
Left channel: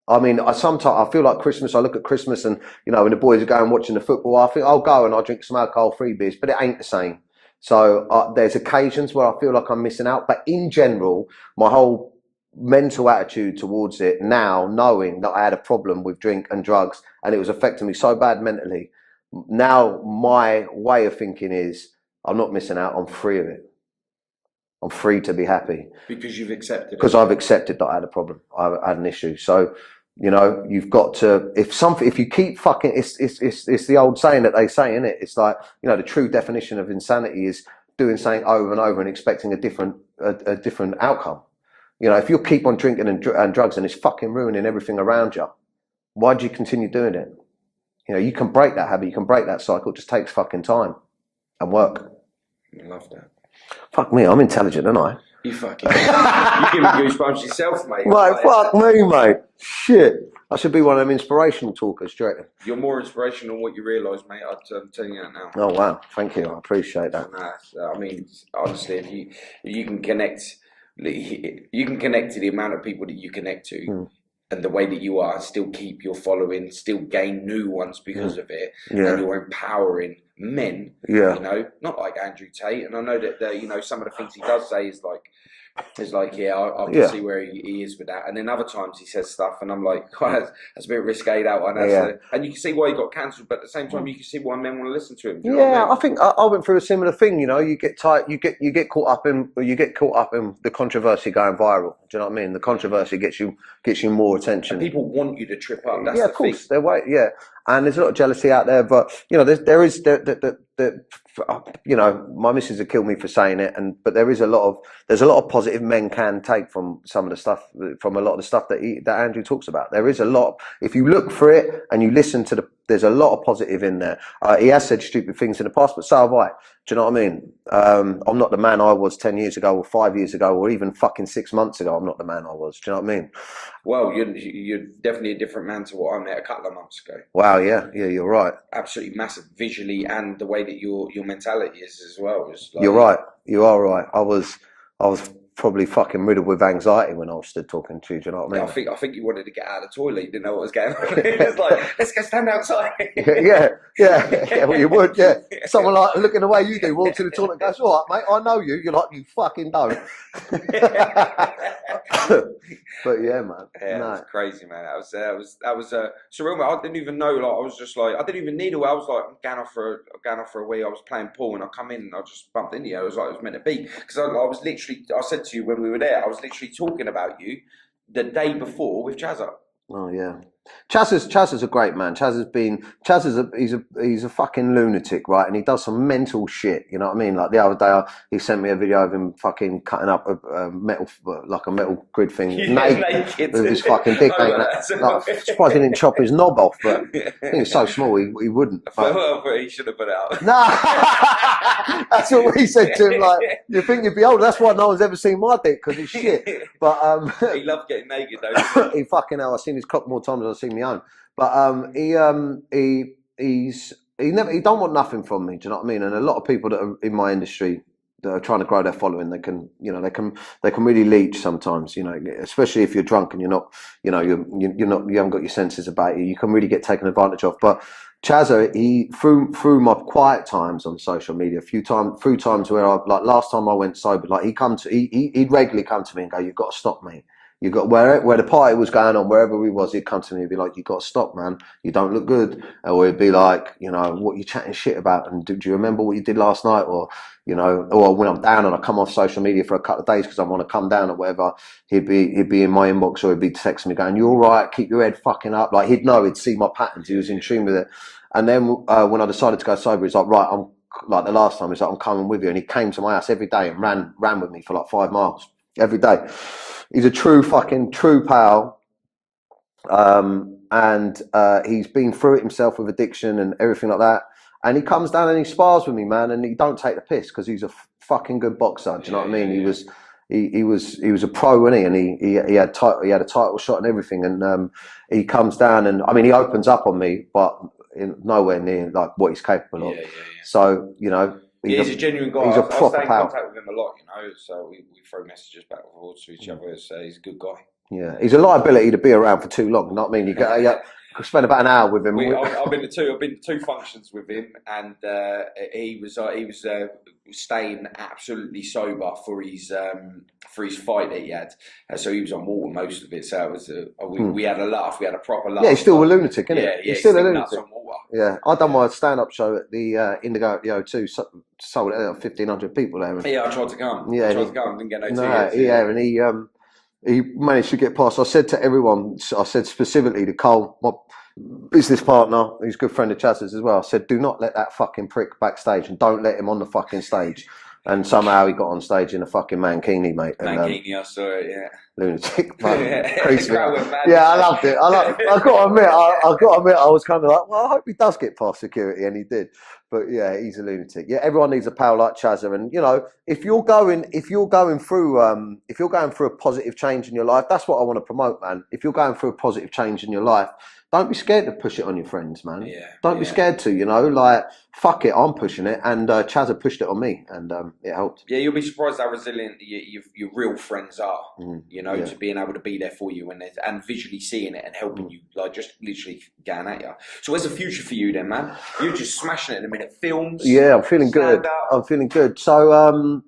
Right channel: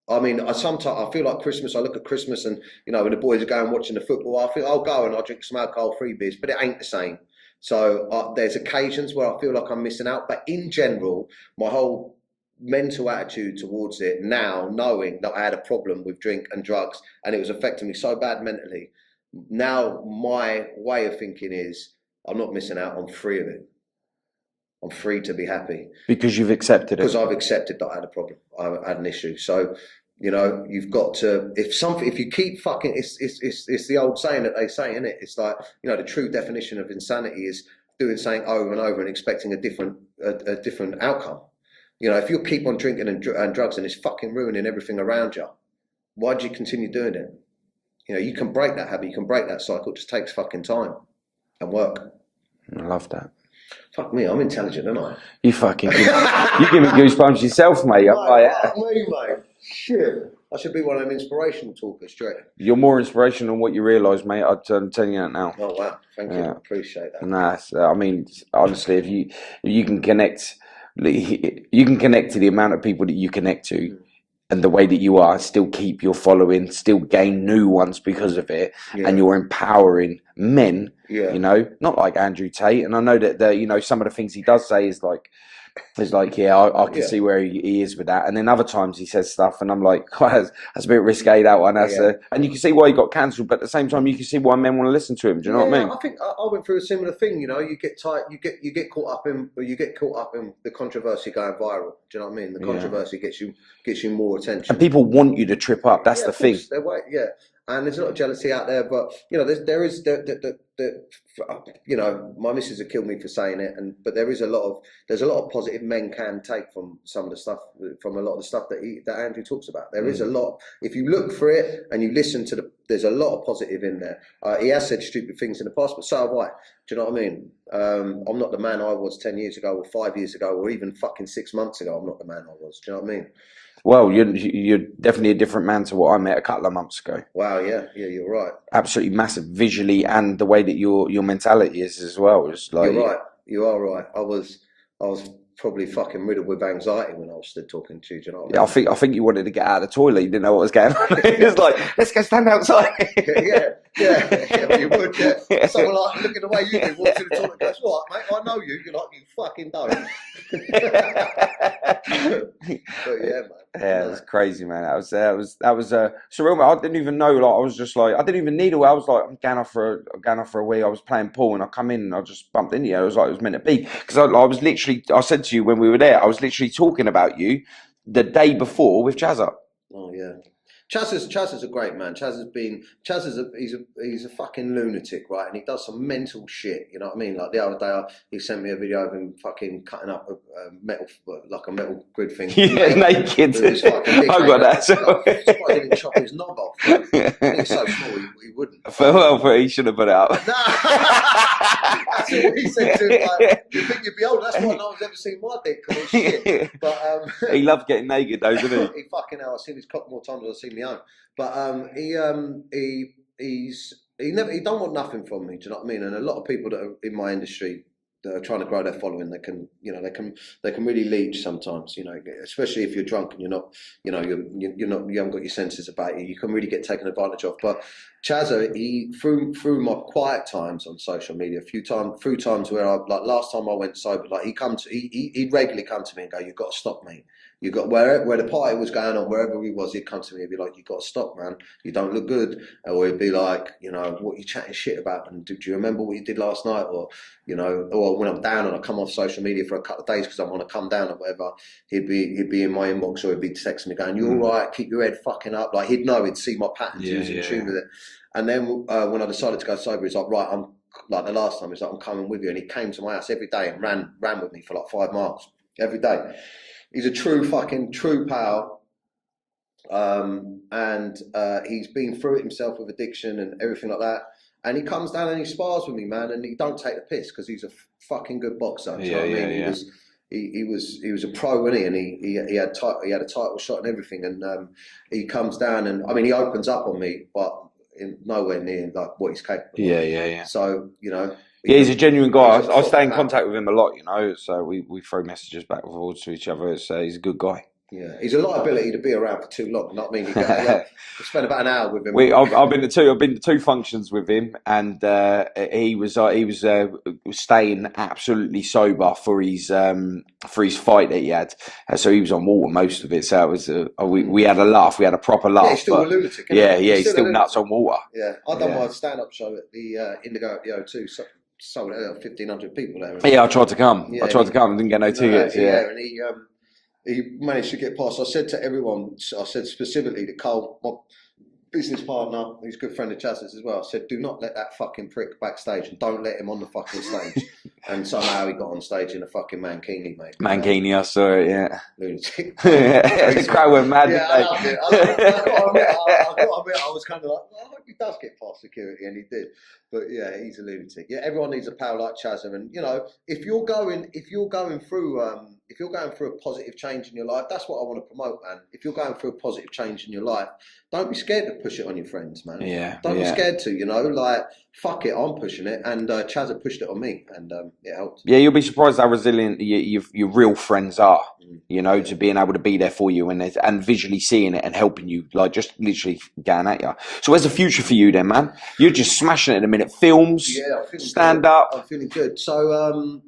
I mean, sometimes I feel like Christmas. I look at Christmas, and when the boys are going watching the football, I think I'll go and I'll drink some alcohol-free beers, but it ain't the same. So there's occasions where I feel like I'm missing out, but in general, my whole mental attitude towards it now, knowing that I had a problem with drink and drugs and it was affecting me so bad mentally, now my way of thinking is I'm not missing out, I'm free of it. I'm free to be happy. Because you've accepted it. Because I've accepted that I had a problem, I had an issue. So you've got to, if you keep fucking, it's the old saying that they say, isn't it? It's like, the true definition of insanity is doing something over and over and expecting a different outcome. If you keep on drinking and drugs and it's fucking ruining everything around you, why do you continue doing it? You can break that habit, you can break that cycle. It just takes fucking time and work. I love that. Fuck me, I'm intelligent, aren't I? You fucking, you give me goosebumps yourself, mate. Like, fuck me, mate. Shit. I should be one of them inspirational talkers, straight. You're more inspirational than what you realise, mate. I'm telling you that now. Oh, wow. Thank you. I appreciate that. Nah, I mean, honestly, if you can connect, you can connect to the amount of people that you connect to and the way that you are, still keep your following, still gain new ones because of it, and you're empowering men, not like Andrew Tate. And I know that some of the things he does say is like, I can see where he is with that. And then other times he says stuff and I'm like, that's a bit risque, that one. And you can see why he got cancelled, but at the same time you can see why men want to listen to him. Do you know what I mean? I think I went through a similar thing. You get tight, you get caught up in the controversy going viral. Do you know what I mean? The controversy gets you more attention. And people want you to trip up. That's the thing. And there's a lot of jealousy out there, but there is my missus would kill me for saying it, but there's a lot of positive men can take from some of the stuff, from a lot of the stuff that Andrew talks about. There is a lot. If you look for it and you listen to there's a lot of positive in there. He has said stupid things in the past, but so have I. Do you know what I mean? I'm not the man I was 10 years ago or 5 years ago or even fucking 6 months ago. I'm not the man I was. Do you know what I mean? Well, you're definitely a different man to what I met a couple of months ago. Wow, yeah, you're right. Absolutely massive visually, and the way that your mentality is as well. You're right. You are right. I was probably fucking riddled with anxiety when I was stood talking to you. Do you know what I mean? I think you wanted to get out of the toilet. You didn't know what was going on. It was like, let's go stand outside. yeah. Well, you would. Yeah. Someone like looking the way you do, walks to the toilet, and goes, "All right, mate, I know you." You're like, "You fucking don't." But yeah, man. Yeah, it was crazy, man. That was surreal. Man. I didn't even know. Like, I was just like, I didn't even need a way. I was like, I'm going off for a wee. I was playing pool, and I come in, and I just bumped into you. It was like it was meant to be, because I was literally. I said to you when we were there, I was literally talking about you the day before with Jazza. Oh yeah, Chaz is a great man. He's a fucking lunatic, right? And he does some mental shit. You know what I mean? Like the other day, he sent me a video of him fucking cutting up a metal, like a metal grid thing, naked. with his fucking dick. I got that. Like, surprised he didn't chop his knob off. But I think it's so small, he wouldn't. Well, he should have put it up. No, that's what we said to him. Like, you think you'd be older? That's why no one's ever seen my dick because it's shit. But he loved getting naked though, didn't he? he fucking hell. I've seen his cock more times than I've seen my own. But he don't want nothing from me. Do you know what I mean? And a lot of people that are in my industry that are trying to grow their following, they can really leech sometimes. You know, especially if you're drunk and you're not, you haven't got your senses about you. You can really get taken advantage of. But Chazza, he through my quiet times on social media, through times where last time I went sober, like he'd regularly come to me and go, "You've got to stop, mate. You got where the party was going on, wherever he was, he'd come to me and be like, "You got to stop, man. You don't look good." Or he'd be like, "What are you chatting shit about? And do you remember what you did last night?" Or, or when I'm down and I come off social media for a couple of days because I want to come down or whatever, he'd be in my inbox or he'd be texting me going, "You all right? Keep your head fucking up." Like he'd see my patterns. He was in tune with it. And then when I decided to go sober, he's like, "Right, I'm like the last time." He's like, "I'm coming with you," and he came to my house every day and ran with me for like 5 miles every day. He's a true pal, and he's been through it himself with addiction and everything like that. And he comes down and he spars with me, man, and he don't take the piss because he's a fucking good boxer. Do you know what I mean? He was a pro, wasn't he? And he had a title shot and everything. And he comes down and I mean he opens up on me, but nowhere near like what he's capable of. Yeah. So he's a genuine guy. I stay in contact with him a lot, so we throw messages back and forwards to each other. So he's a good guy. Yeah, he's a liability to be around for too long. Not mean you could spend about an hour with him. I've been to two functions with him, and he was staying absolutely sober for his fight that he had. So he was on water most of it. So it was we had a laugh. We had a proper laugh. Yeah, he's still a lunatic. Isn't he? He's still nuts on water. Yeah, I done my stand-up show at the Indigo at the O2. Sold it out 1,500 people there. Yeah, I tried to come. I didn't get no tickets. Yeah, and he managed to get past. I said to everyone, I said specifically to Cole, my business partner, who's a good friend of Chaz's as well, I said, "Do not let that fucking prick backstage and don't let him on the fucking stage." And somehow he got on stage in a fucking mankini, mate. Mankini, I saw it, yeah. Lunatic. The crowd went mad. Yeah, I loved it. I've got to admit, I was kind of like, well, I hope he does get past security, and he did. But yeah, he's a lunatic. Yeah, everyone needs a pal like Chazza, and if you're going through a positive change in your life, that's what I want to promote, man. If you're going through a positive change in your life, don't be scared to push it on your friends, man. Yeah. Don't be scared to, like, fuck it, I'm pushing it, and Chazza pushed it on me, and it helped. Yeah, you'll be surprised how resilient your real friends are. To being able to be there for you and visually seeing it and helping you, like just literally getting at you. So, where's the future for you, then, man? You're just smashing it in a minute. Films. Yeah, I'm feeling stand good. up. I'm feeling good. So,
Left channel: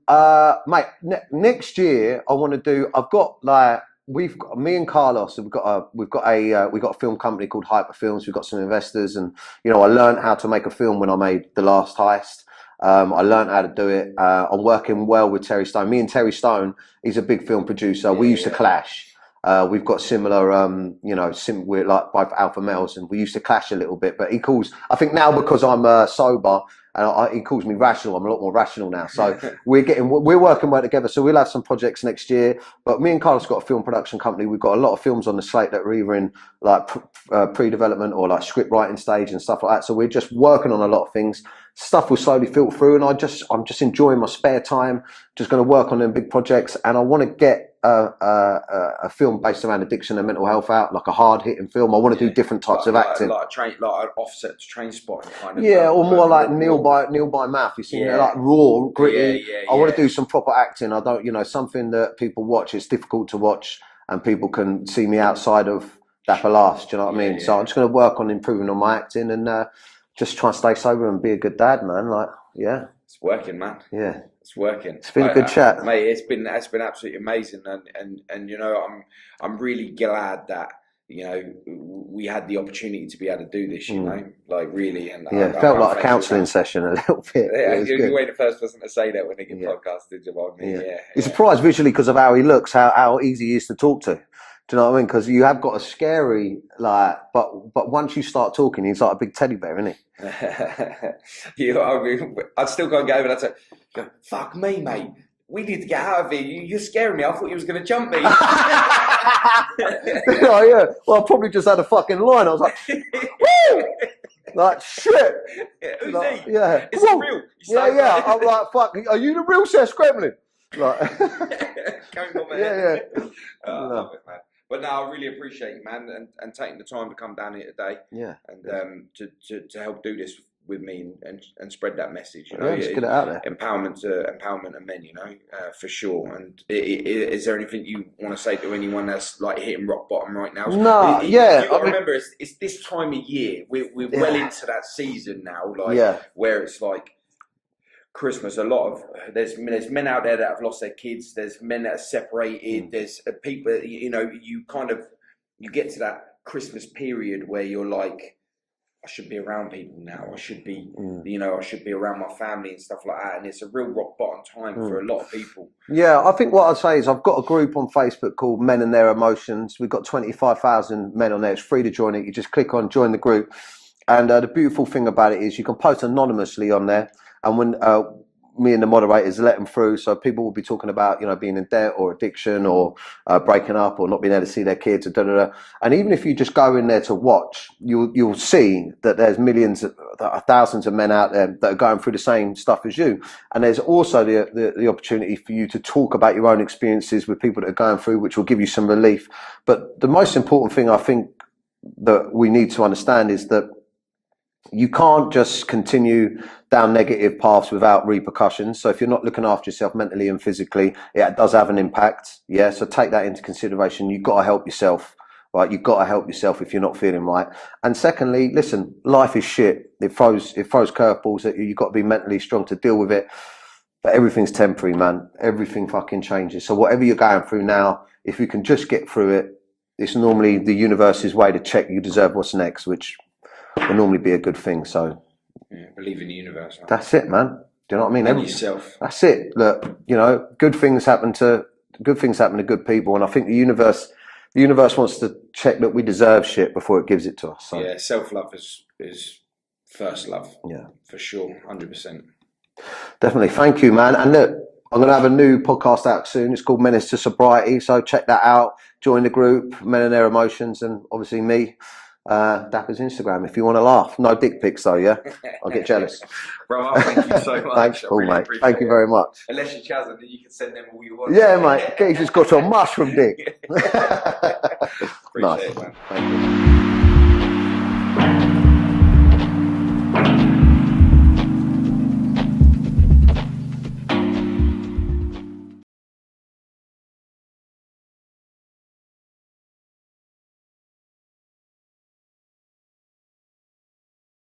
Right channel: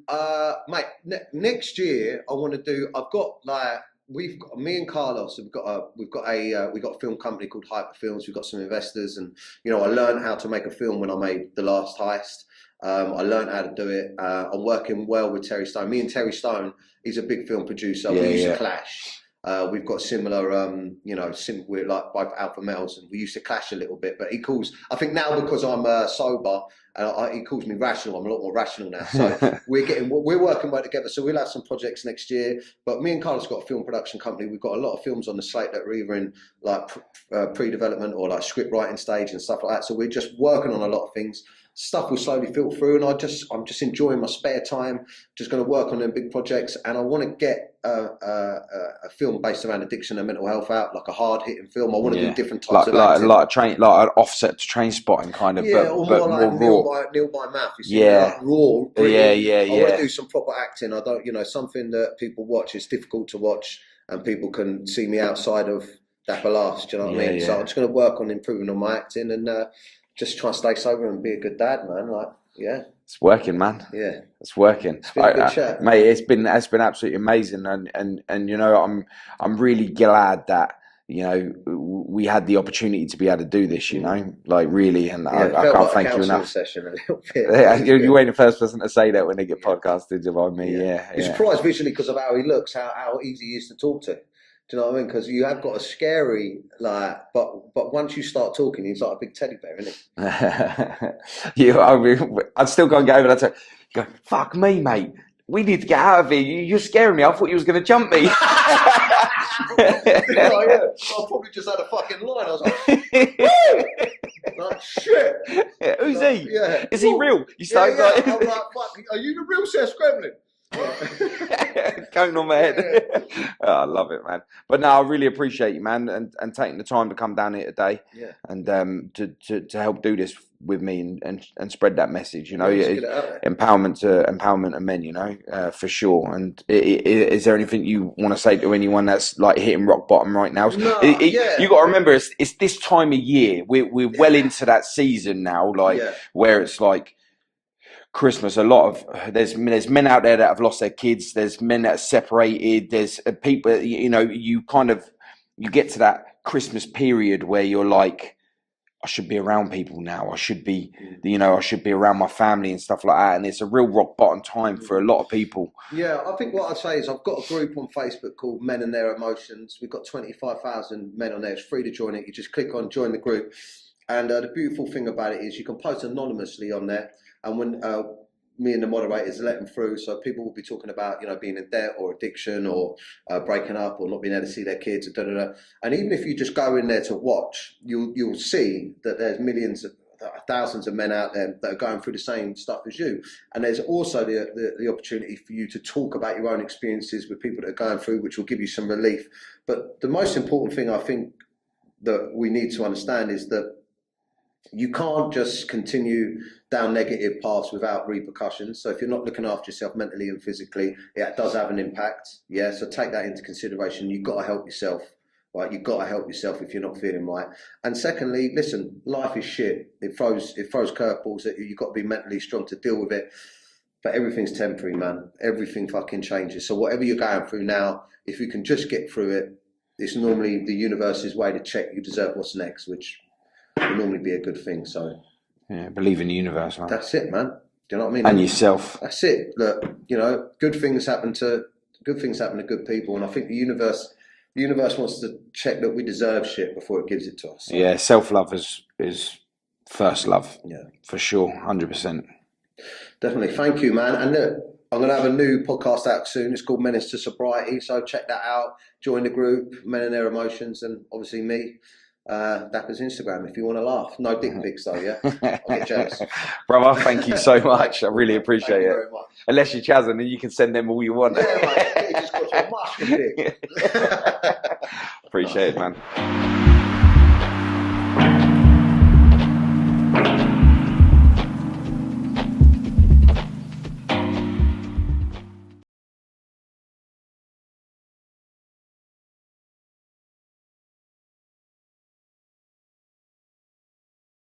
mate, next year I want to do. I've got like. Me and Carlos. We've got a film company called Hyper Films. We've got some investors, and I learned how to make a film when I made The Last Heist. I learned how to do it. I'm working well with Terry Stone. Me and Terry Stone, he's a big film producer. We used to clash. We've got similar, we're like both alpha males, and we used to clash a little bit. But he calls, I think now because I'm sober, and he calls me rational. I'm a lot more rational now. So we're working well together. So we'll have some projects next year. But me and Carlos got a film production company. We've got a lot of films on the slate that are either in like pre-development or like script writing stage and stuff like that. So we're just working on a lot of things. Stuff will slowly filter through, and I'm just enjoying my spare time. Just going to work on them big projects, and I want to get a film based around addiction and mental health out, like a hard hitting film. I want to do different types of acting, like an offset to Train Spotting kind of. Yeah, or more like Neil by Mouth. You see, like raw, gritty. I want to do some proper acting. I don't, something that people watch. It's difficult to watch, and people can see me outside of Dapper Laughs. Do you know what I mean? So I'm just going to work on improving on my acting and just try and stay sober and be a good dad, man. Like, yeah. It's working, man. Yeah, it's working. It's been a good chat, mate. It's been absolutely amazing, and I'm really glad that we had the opportunity to be able to do this. Like really, and I felt like a counselling session a little bit. You ain't the first person to say that when they get podcasted by me. Yeah. You're surprised visually because of how he looks, how easy he is to talk to. Do you know what I mean? Because you have got a scary, like, but once you start talking, he's like a big teddy bear, isn't he? I mean, I'd still go and get over and I'd say, go, fuck me, mate. We need to get out of here. You're scaring me. I thought you was going to jump me. Oh, yeah. Well, I probably just had a fucking line. I was like, like, shit. Who's like, he? Yeah. Is he real? You Yeah. I'm like, fuck, are you the real Seth Gremlin? Right. Going on my head. Yeah. Oh, I love it, man. But no, I really appreciate you, man, and taking the time to come down here today. Yeah. And to help do this with me and spread that message. You know, Yeah, get it out there. empowerment of men. You know, for sure. And is there anything you want to say to anyone that's like hitting rock bottom right now? No. You got to remember, it's this time of year. We're well into that season now, like where it's like Christmas. A lot of there's men out there that have lost their kids. There's men that are separated. There's people. You know, you get to that Christmas period where you're like, I should be around people now. I should be, I should be around my family and stuff like that. And it's a real rock bottom time for a lot of people. Yeah, I think what I'd say is I've got a group on Facebook called Men and Their Emotions. We've got 25,000 men on there. It's free to join it. You just click on join the group. And the beautiful thing about it is you can post anonymously on there. And when me and the moderators let them through, so people will be talking about, being in debt or addiction or breaking up or not being able to see their kids, and even if you just go in there to watch, you'll see that there's thousands of men out there that are going through the same stuff as you, and there's also the opportunity for you to talk about your own experiences with people that are going through, which will give you some relief. But the most important thing I think that we need to understand is that you can't just continue down negative paths without repercussions. So if you're not looking after yourself mentally and physically, it does have an impact. Yeah. So take that into consideration. You've got to help yourself, right? You've got to help yourself if you're not feeling right. And secondly, listen, life is shit. It throws curveballs at you. You've got to be mentally strong to deal with it. But everything's temporary, man. Everything fucking changes. So whatever you're going through now, if you can just get through it, it's normally the universe's way to check you deserve what's next, which will normally be a good thing. So believe in the universe, man. That's it, man. Do you know what I mean? And yourself. That's it. Look, good things happen to good people, and I think the universe wants to check that we deserve shit before it gives it to us. So. Yeah, self-love is first love. Yeah, for sure, 100%. Definitely. Thank you, man. And look, I'm going to have a new podcast out soon. It's called Menace to Sobriety. So check that out. Join the group, Men and Their Emotions, and obviously me. Dapper's Instagram if you want to laugh. No dick pics though, yeah? I'll get jealous. Brother, thank you so much. I really appreciate it. Thank you very much. Unless you're Chazin, then you can send them all you want. Yeah, mate. He's just got some mushroom dick. Appreciate it, man. Thank you.